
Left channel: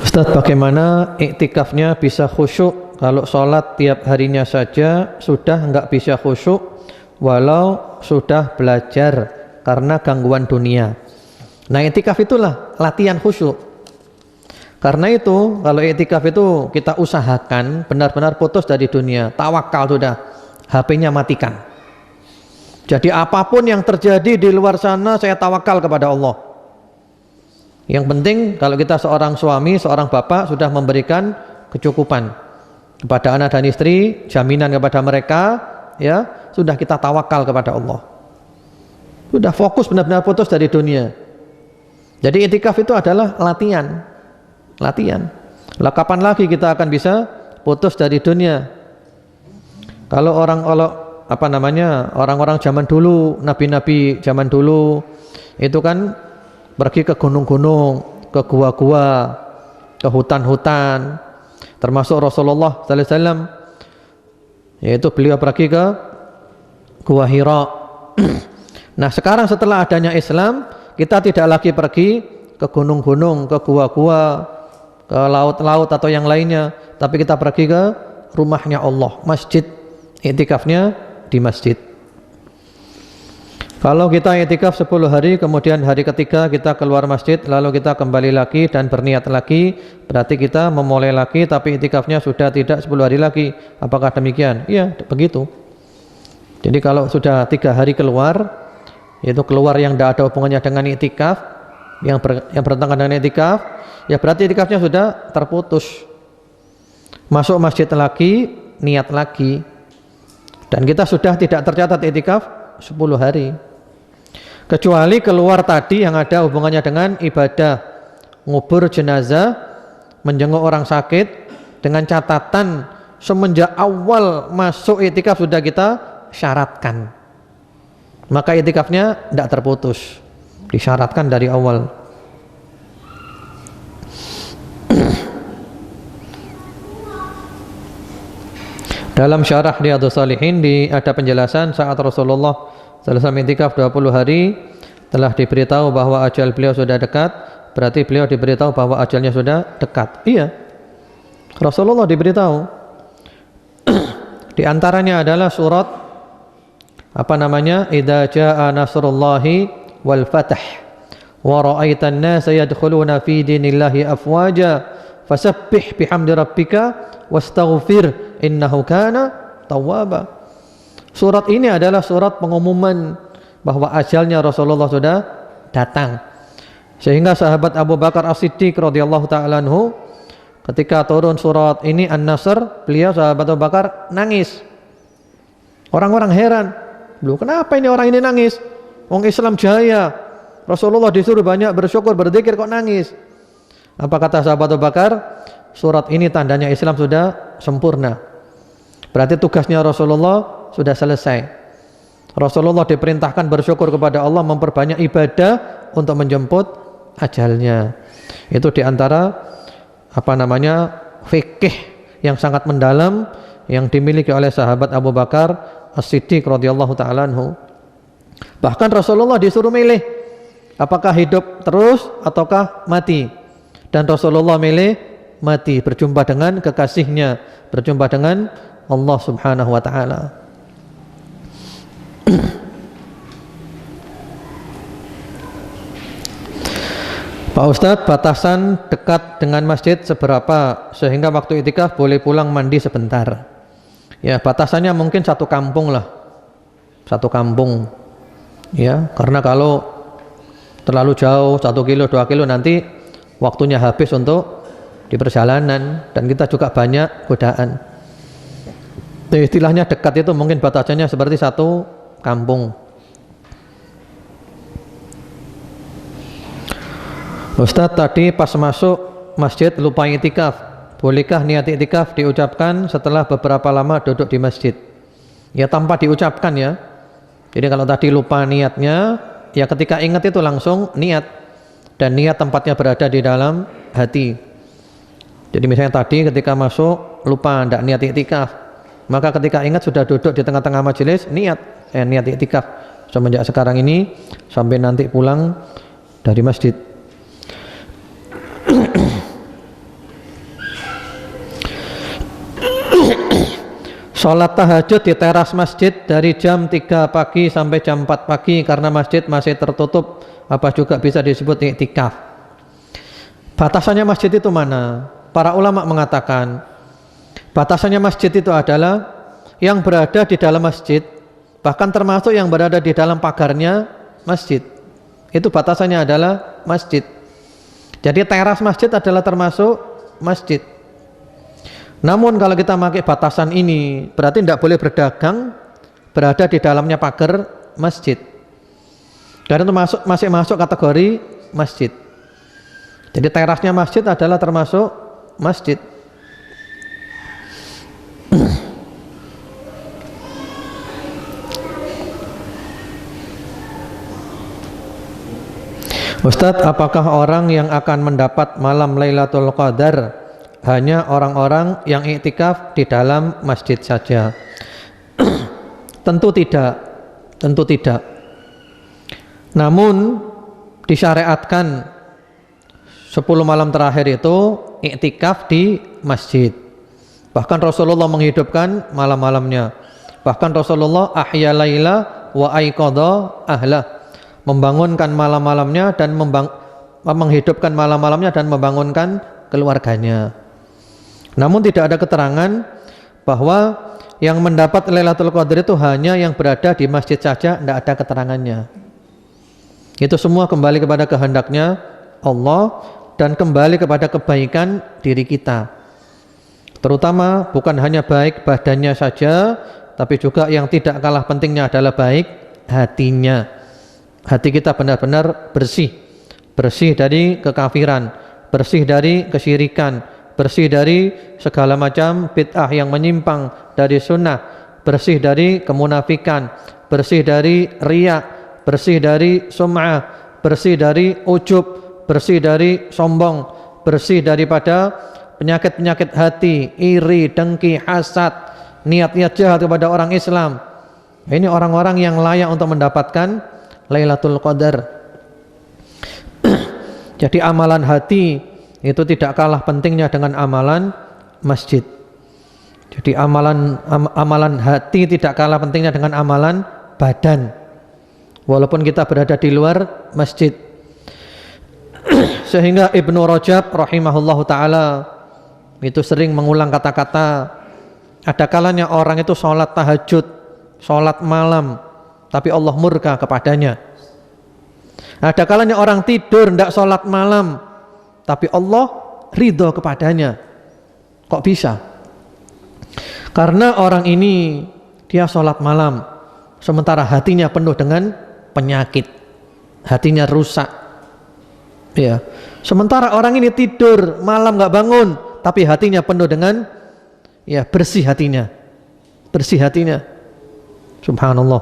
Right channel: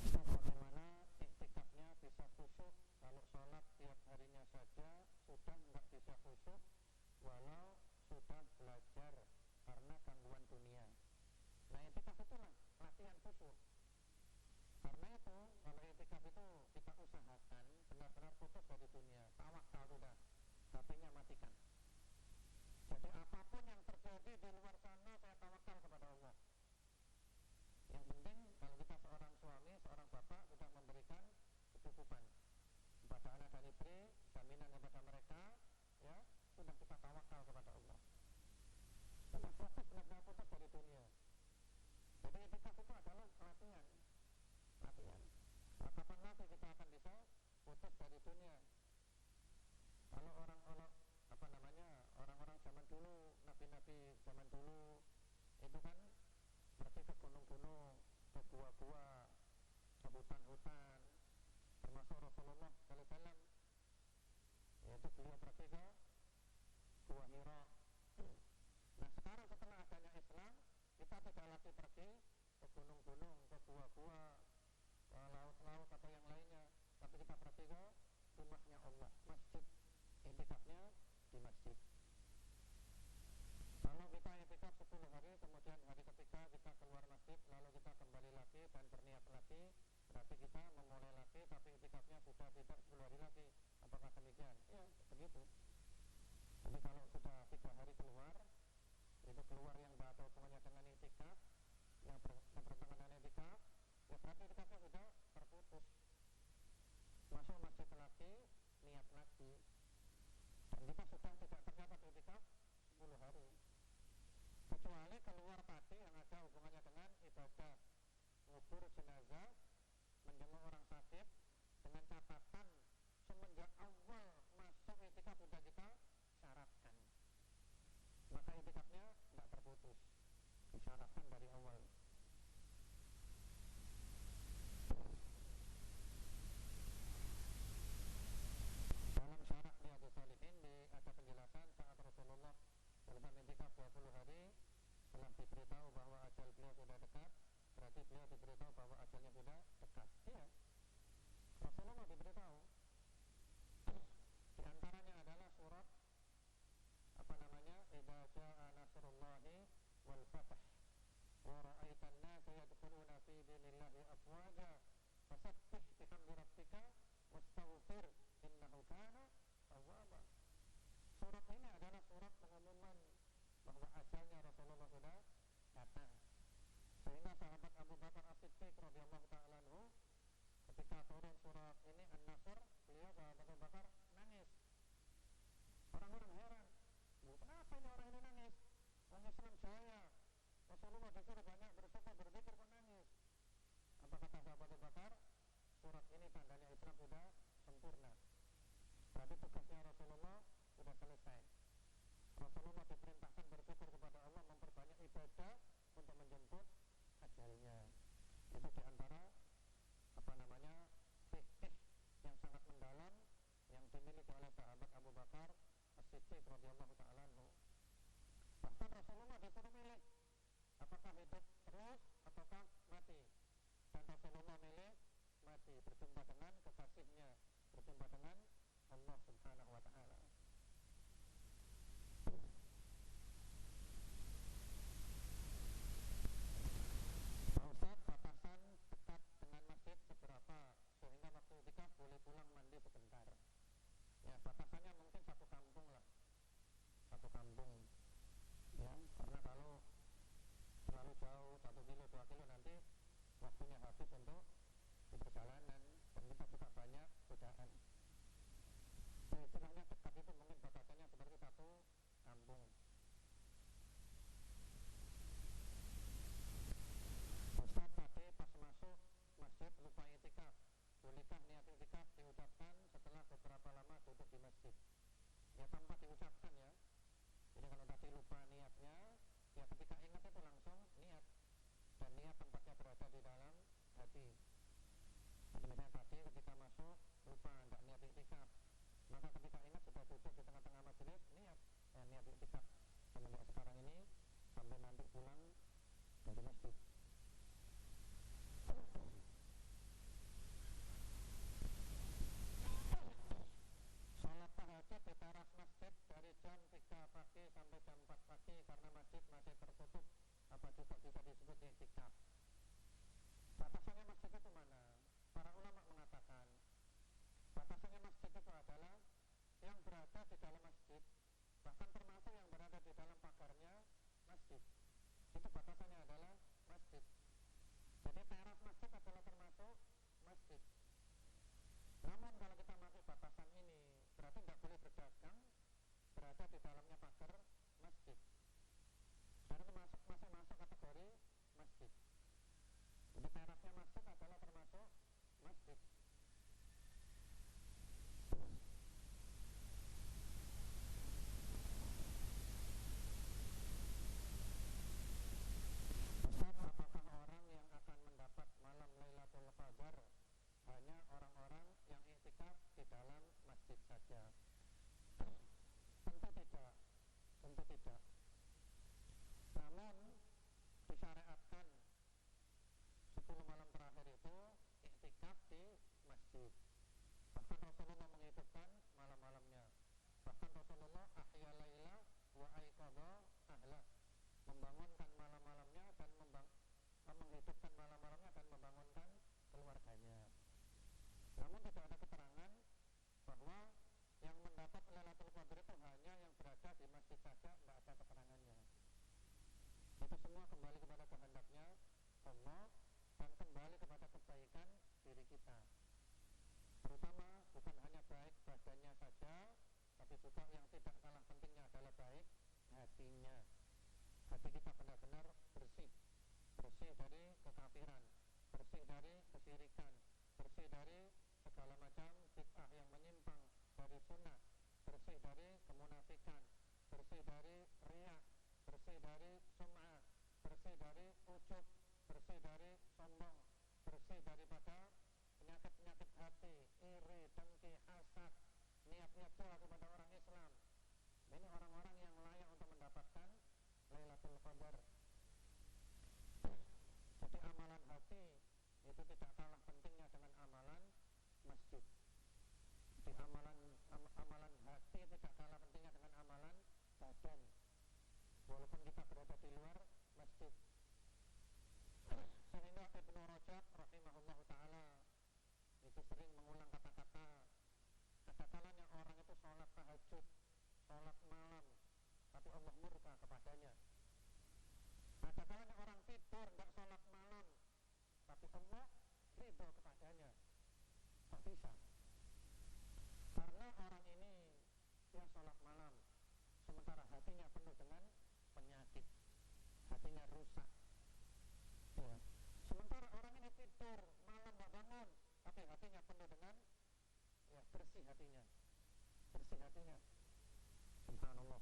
Ustadz, bagaimana iktikafnya bisa khusyuk kalau sholat tiap harinya saja sudah enggak bisa khusyuk walau sudah belajar karena gangguan dunia? Nah, iktikaf itulah latihan khusyuk. Karena itu kalau iktikaf itu kita usahakan benar-benar putus dari dunia, tawakal sudah, HP-nya matikan. Jadi apapun yang terjadi di luar sana saya tawakal kepada Allah. Yang penting kalau kita seorang suami, seorang bapak sudah memberikan kecukupan kepada anak dan istri, jaminan kepada mereka, ya, sudah kita tawakal kepada Allah. Sudah fokus benar-benar putus dari dunia. Jadi iktikaf itu adalah latihan. Lah kapan lagi kita akan bisa putus dari dunia? Kalau orang-orang zaman dulu, nabi-nabi zaman dulu itu kan pergi ke gunung-gunung, ke gua-gua, ke hutan-hutan. Termasuk Rasulullah sallallahu alaihi wasallam, yaitu beliau pergi ke Gua Hira. Nah, sekarang setelah adanya Islam, kita tidak lagi pergi ke gunung-gunung, ke gua-gua, ke laut-laut atau yang lainnya, tapi kita pergi ke rumahnya Allah, masjid. Iktikafnya di masjid. Kalau kita iktikaf 10 hari, kemudian hari ketiga kita keluar masjid, lalu kita kembali lagi dan berniat lagi, berarti kita memulai lagi, tapi iktikafnya sudah tidak 10 hari lagi. Apakah demikian? Iya, begitu. Jadi kalau sudah 3 hari keluar, yaitu keluar yang tidak ada hubungannya dengan iktikaf, yang bertentangan dengan iktikaf, ya berarti iktikafnya sudah terputus. Masuk masjid lagi, niat lagi, dan kita sudah tidak tercatat iktikaf 10 hari. Kecuali keluar tadi yang ada hubungannya dengan ibadah ngubur jenazah, menjenguk orang sakit dengan catatan semenjak awal masuk iktikaf sudah kita syaratkan. Maka iktikafnya tidak terputus. Disyaratkan dari awal. Dalam syarah Riyadhus Shalihin ada penjelasan saat Rasulullah selesai iktikaf 20 hari telah diberitahu bahwa ajal beliau sudah dekat, berarti beliau diberitahu bahwa ajalnya sudah dekat. Iya. Rasulullah diberitahu. Di antaranya adalah surat apa namanya? Idza jaa nasrullahi wal fath wa ra'aitan nasa yadkhuluna fi dinillahi afwaja fasabbih bihamdi rabbika wastaghfir innahu kana tawwaba. Surat ini adalah surat pengumuman bahwa ajalnya Rasulullah sudah datang. Sehingga sahabat Abu Bakar As-Siddiq radhiyallahu taala anhu ketika turun surat ini An-Nasr, beliau sahabat Abu Bakar nangis. Orang-orang heran, "Loh, kenapa ini orang ini nangis? Wong Islam jaya. Rasulullah disuruh banyak bersyukur, berzikir kok nangis?" Apa kata sahabat Abu Bakar? Surat ini tandanya Islam sudah sempurna. Berarti tugasnya Rasulullah sudah selesai. Rasulullah diperintahkan bersyukur kepada Allah, memperbanyak ibadah untuk menjemput ajalnya. Itu diantara apa namanya fikih yang sangat mendalam yang dimiliki oleh sahabat Abu Bakar As-Siddiq radhiyallahu taala anhu. Bahkan Rasulullah disuruh milih apakah hidup terus ataukah mati. Dan Rasulullah milih mati, berjumpa dengan kekasihnya, berjumpa dengan Allah Subhanahu wa taala. Pak Ustadz, batasan dekat dengan masjid seberapa sehingga waktu iktikaf boleh pulang mandi sebentar? Ya, batasannya mungkin satu kampung lah, satu kampung. Ya, karena kalau terlalu jauh 1 kilo 2 kilo nanti waktunya habis untuk di perjalanan dan kita juga banyak godaan. Istilahnya dekat itu mungkin batasannya seperti satu kampung. Ustadz, tadi pas masuk masjid lupa iktikaf. Bolehkah niat iktikaf diucapkan setelah beberapa lama duduk di masjid? Ya, tanpa diucapkan ya. Jadi kalau tadi lupa niatnya, ya ketika ingat itu langsung niat. Dan niat tempatnya berada di dalam hati. Jadi misalnya tadi ketika masuk lupa tidak niat iktikaf, maka ketika ingat sudah duduk di tengah-tengah majelis niat iktikaf semenjak sekarang ini sampai nanti pulang dari masjid. Sholat tahajud di teras masjid dari jam 3 pagi sampai jam 4 pagi karena masjid masih tertutup, apa juga bisa disebut iktikaf? Batasannya masjid itu mana? Para ulama mengatakan batasannya masjid itu adalah yang berada di dalam masjid, bahkan termasuk yang berada di dalam pagarnya masjid. Itu batasannya adalah masjid. Jadi teras masjid adalah termasuk masjid. Namun kalau kita pakai batasan ini berarti tidak boleh berdagang berada di dalamnya pagar masjid. Karena itu masih masuk kategori masjid. Jadi terasnya masjid adalah termasuk masjid. Ustadz, apakah orang yang akan mendapat malam Lailatul Qadar hanya orang-orang yang iktikaf di dalam masjid saja? Tentu tidak, tentu tidak. Namun disyariatkan 10 malam terakhir itu iktikaf di masjid. Bahkan Rasulullah menghidupkan malam-malamnya. Bahkan Rasulullah ahya laila wa aiqadha ahlah, membangunkan malam-malamnya dan menghidupkan malam-malamnya dan membangunkan keluarganya. Namun tidak ada keterangan bahwa yang mendapat Lailatul Qadar itu hanya yang berada di masjid saja, tidak ada keterangannya. Itu semua kembali kepada kehendaknya Allah dan kembali kepada kebaikan diri kita. Terutama bukan hanya baik badannya saja, tapi juga yang tidak kalah pentingnya adalah baik hatinya. Hati kita benar-benar bersih, bersih dari kekafiran, bersih dari kesyirikan, bersih dari segala macam bid'ah yang menyimpang dari sunnah, bersih dari kemunafikan, bersih dari riya, bersih dari sum'ah, bersih dari ujub, bersih dari sombong, bersih daripada penyakit-penyakit hati, iri, dengki, hasad, niat-niat jahat kepada orang Islam. Ini orang-orang yang layak untuk mendapatkan Lailatul Qadar. Jadi amalan hati itu tidak kalah pentingnya dengan amalan masjid. Jadi amalan hati tidak kalah pentingnya dengan amalan badan. Walaupun kita berada di luar masjid. Sehingga Ibnu Rajab rahimahullahu taala itu sering mengulang kata-kata, ada kalanya orang itu sholat tahajud, sholat malam, tapi Allah murka kepadanya. Ada kalanya orang tidur tidak sholat malam, tapi Allah ridho kepadanya. Kok bisa? Karena orang ini dia sholat malam, sementara hatinya penuh dengan penyakit, hatinya rusak. Ya. Sementara orang ini tidur malam nggak bangun, tapi hatinya penuh dengan bersih hatinya, bersih hatinya. Subhanallah.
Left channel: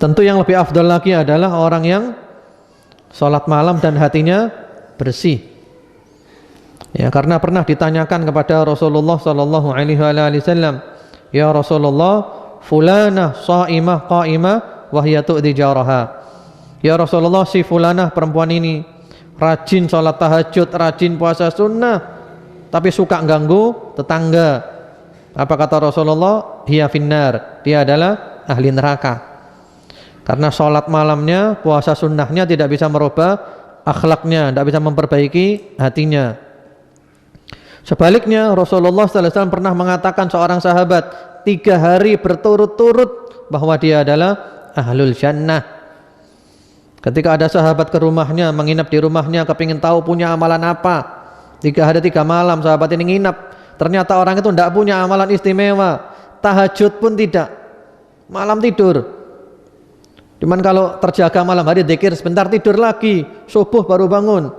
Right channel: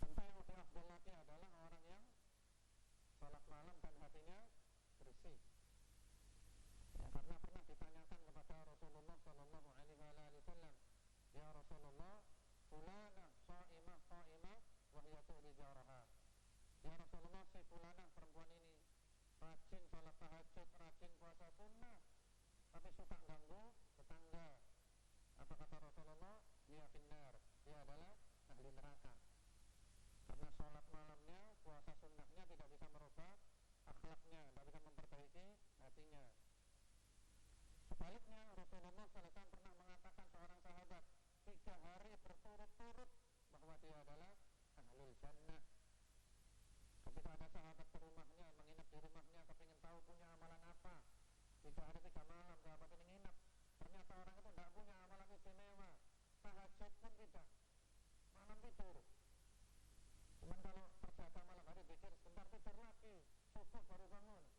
Tentu yang lebih afdal lagi adalah orang yang sholat malam dan hatinya bersih. Ya, karena pernah ditanyakan kepada Rasulullah sallallahu alaihi wasallam, "Ya Rasulullah, fulanah shaimah qaimah wa hiya tu'dhi jaraha." Ya Rasulullah, si fulanah perempuan ini rajin sholat tahajud, rajin puasa sunnah, tapi suka ganggu tetangga. Apa kata Rasulullah? Hiya finnar, dia adalah ahli neraka. Karena sholat malamnya, puasa sunnahnya tidak bisa merubah akhlaknya, tidak bisa memperbaiki hatinya. Sebaliknya Rasulullah SAW pernah mengatakan seorang sahabat 3 hari berturut-turut bahwa dia adalah ahlul jannah. Ketika ada sahabat ke rumahnya, menginap di rumahnya, kepingin tahu punya amalan apa, 3 hari 3 malam sahabat ini nginap. Ternyata orang itu tidak punya amalan istimewa, tahajud pun tidak, malam tidur. Cuman kalau terjaga malam hari zikir sebentar, tidur lagi, subuh baru bangun.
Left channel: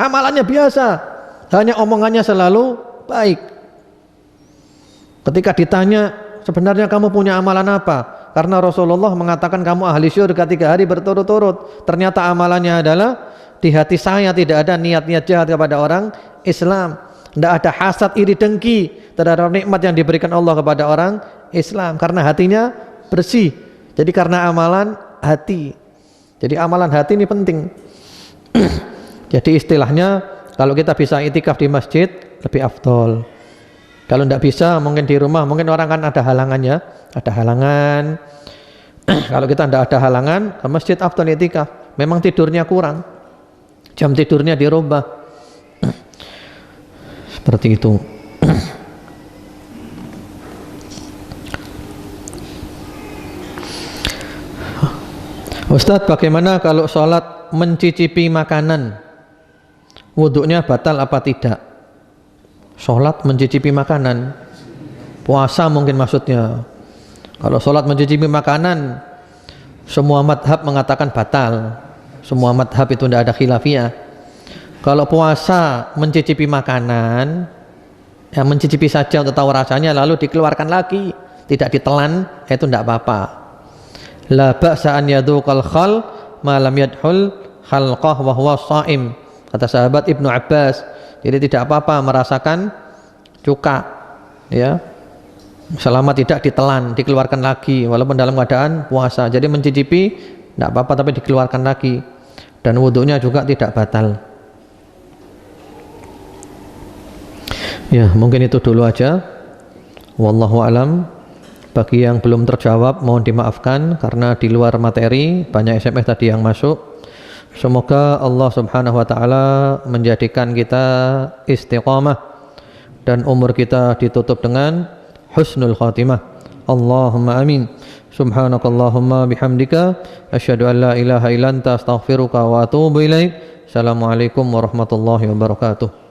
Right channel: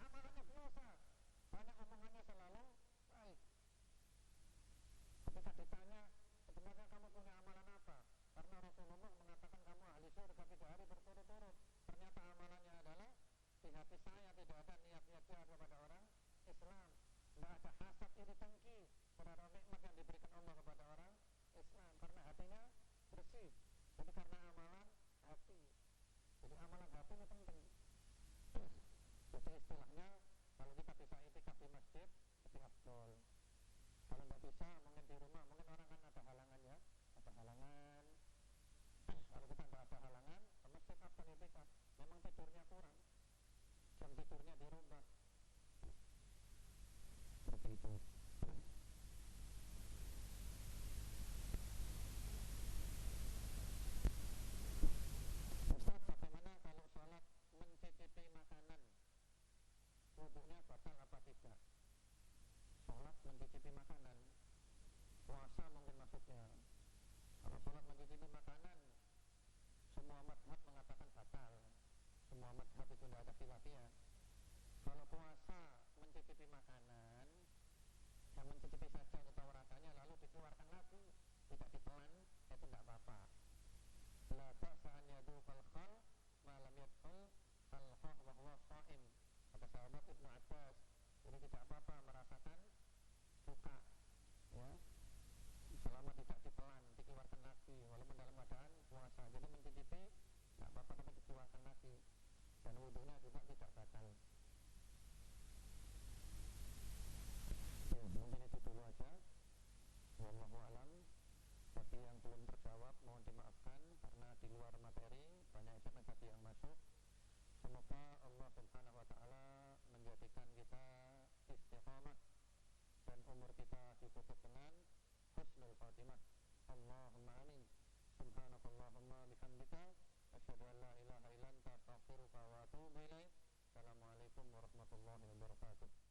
Amalannya biasa, hanya omongannya selalu baik. Ketika ditanya, sebenarnya kamu punya amalan apa? Karena Rasulullah mengatakan kamu ahli syurga 3 hari berturut-turut. Ternyata amalannya adalah di hati saya tidak ada niat-niat jahat kepada orang Islam. Tidak ada hasad, iri, dengki terhadap nikmat yang diberikan Allah kepada orang Islam. Karena hatinya bersih. Jadi karena amalan hati. Jadi amalan hati ini penting. Jadi istilahnya kalau kita bisa itikaf di masjid lebih afdol. Kalau tidak bisa mungkin di rumah, mungkin orang kan ada halangannya, ada halangan. Kalau kita tidak ada halangan, ke masjid afdol itikaf. Memang tidurnya kurang, jam tidurnya dirubah. Seperti itu. Ustadz, bagaimana kalau sholat mencicipi makanan? Wuduknya batal apa tidak? Sholat mencicipi makanan, puasa mungkin maksudnya. Kalau sholat mencicipi makanan, semua madhab mengatakan batal. Semua madhab itu tidak ada khilafiyah. Kalau puasa mencicipi makanan, ya mencicipi saja untuk tahu rasanya lalu dikeluarkan lagi, tidak ditelan, itu tidak apa-apa. La ba'sa an yadhuqal khal ma lam yadhul khalqah wa huwa shaim, kata sahabat Ibnu Abbas. Jadi tidak apa-apa merasakan cuka, ya, selama tidak ditelan, dikeluarkan lagi walaupun dalam keadaan puasa. Jadi mencicipi tidak apa-apa tapi dikeluarkan lagi, dan wudhunya juga tidak batal. Ya, mungkin itu dulu aja. Wallahu alam. Bagi yang belum terjawab mohon dimaafkan karena di luar materi, banyak SMS tadi yang masuk. Semoga Allah Subhanahu wa taala menjadikan kita istiqamah dan umur kita ditutup dengan husnul khatimah. Allahumma amin. Subhanakallahumma bihamdika asyhadu an la ilaha illa anta astaghfiruka wa atubu ilaik. Assalamualaikum warahmatullahi wabarakatuh.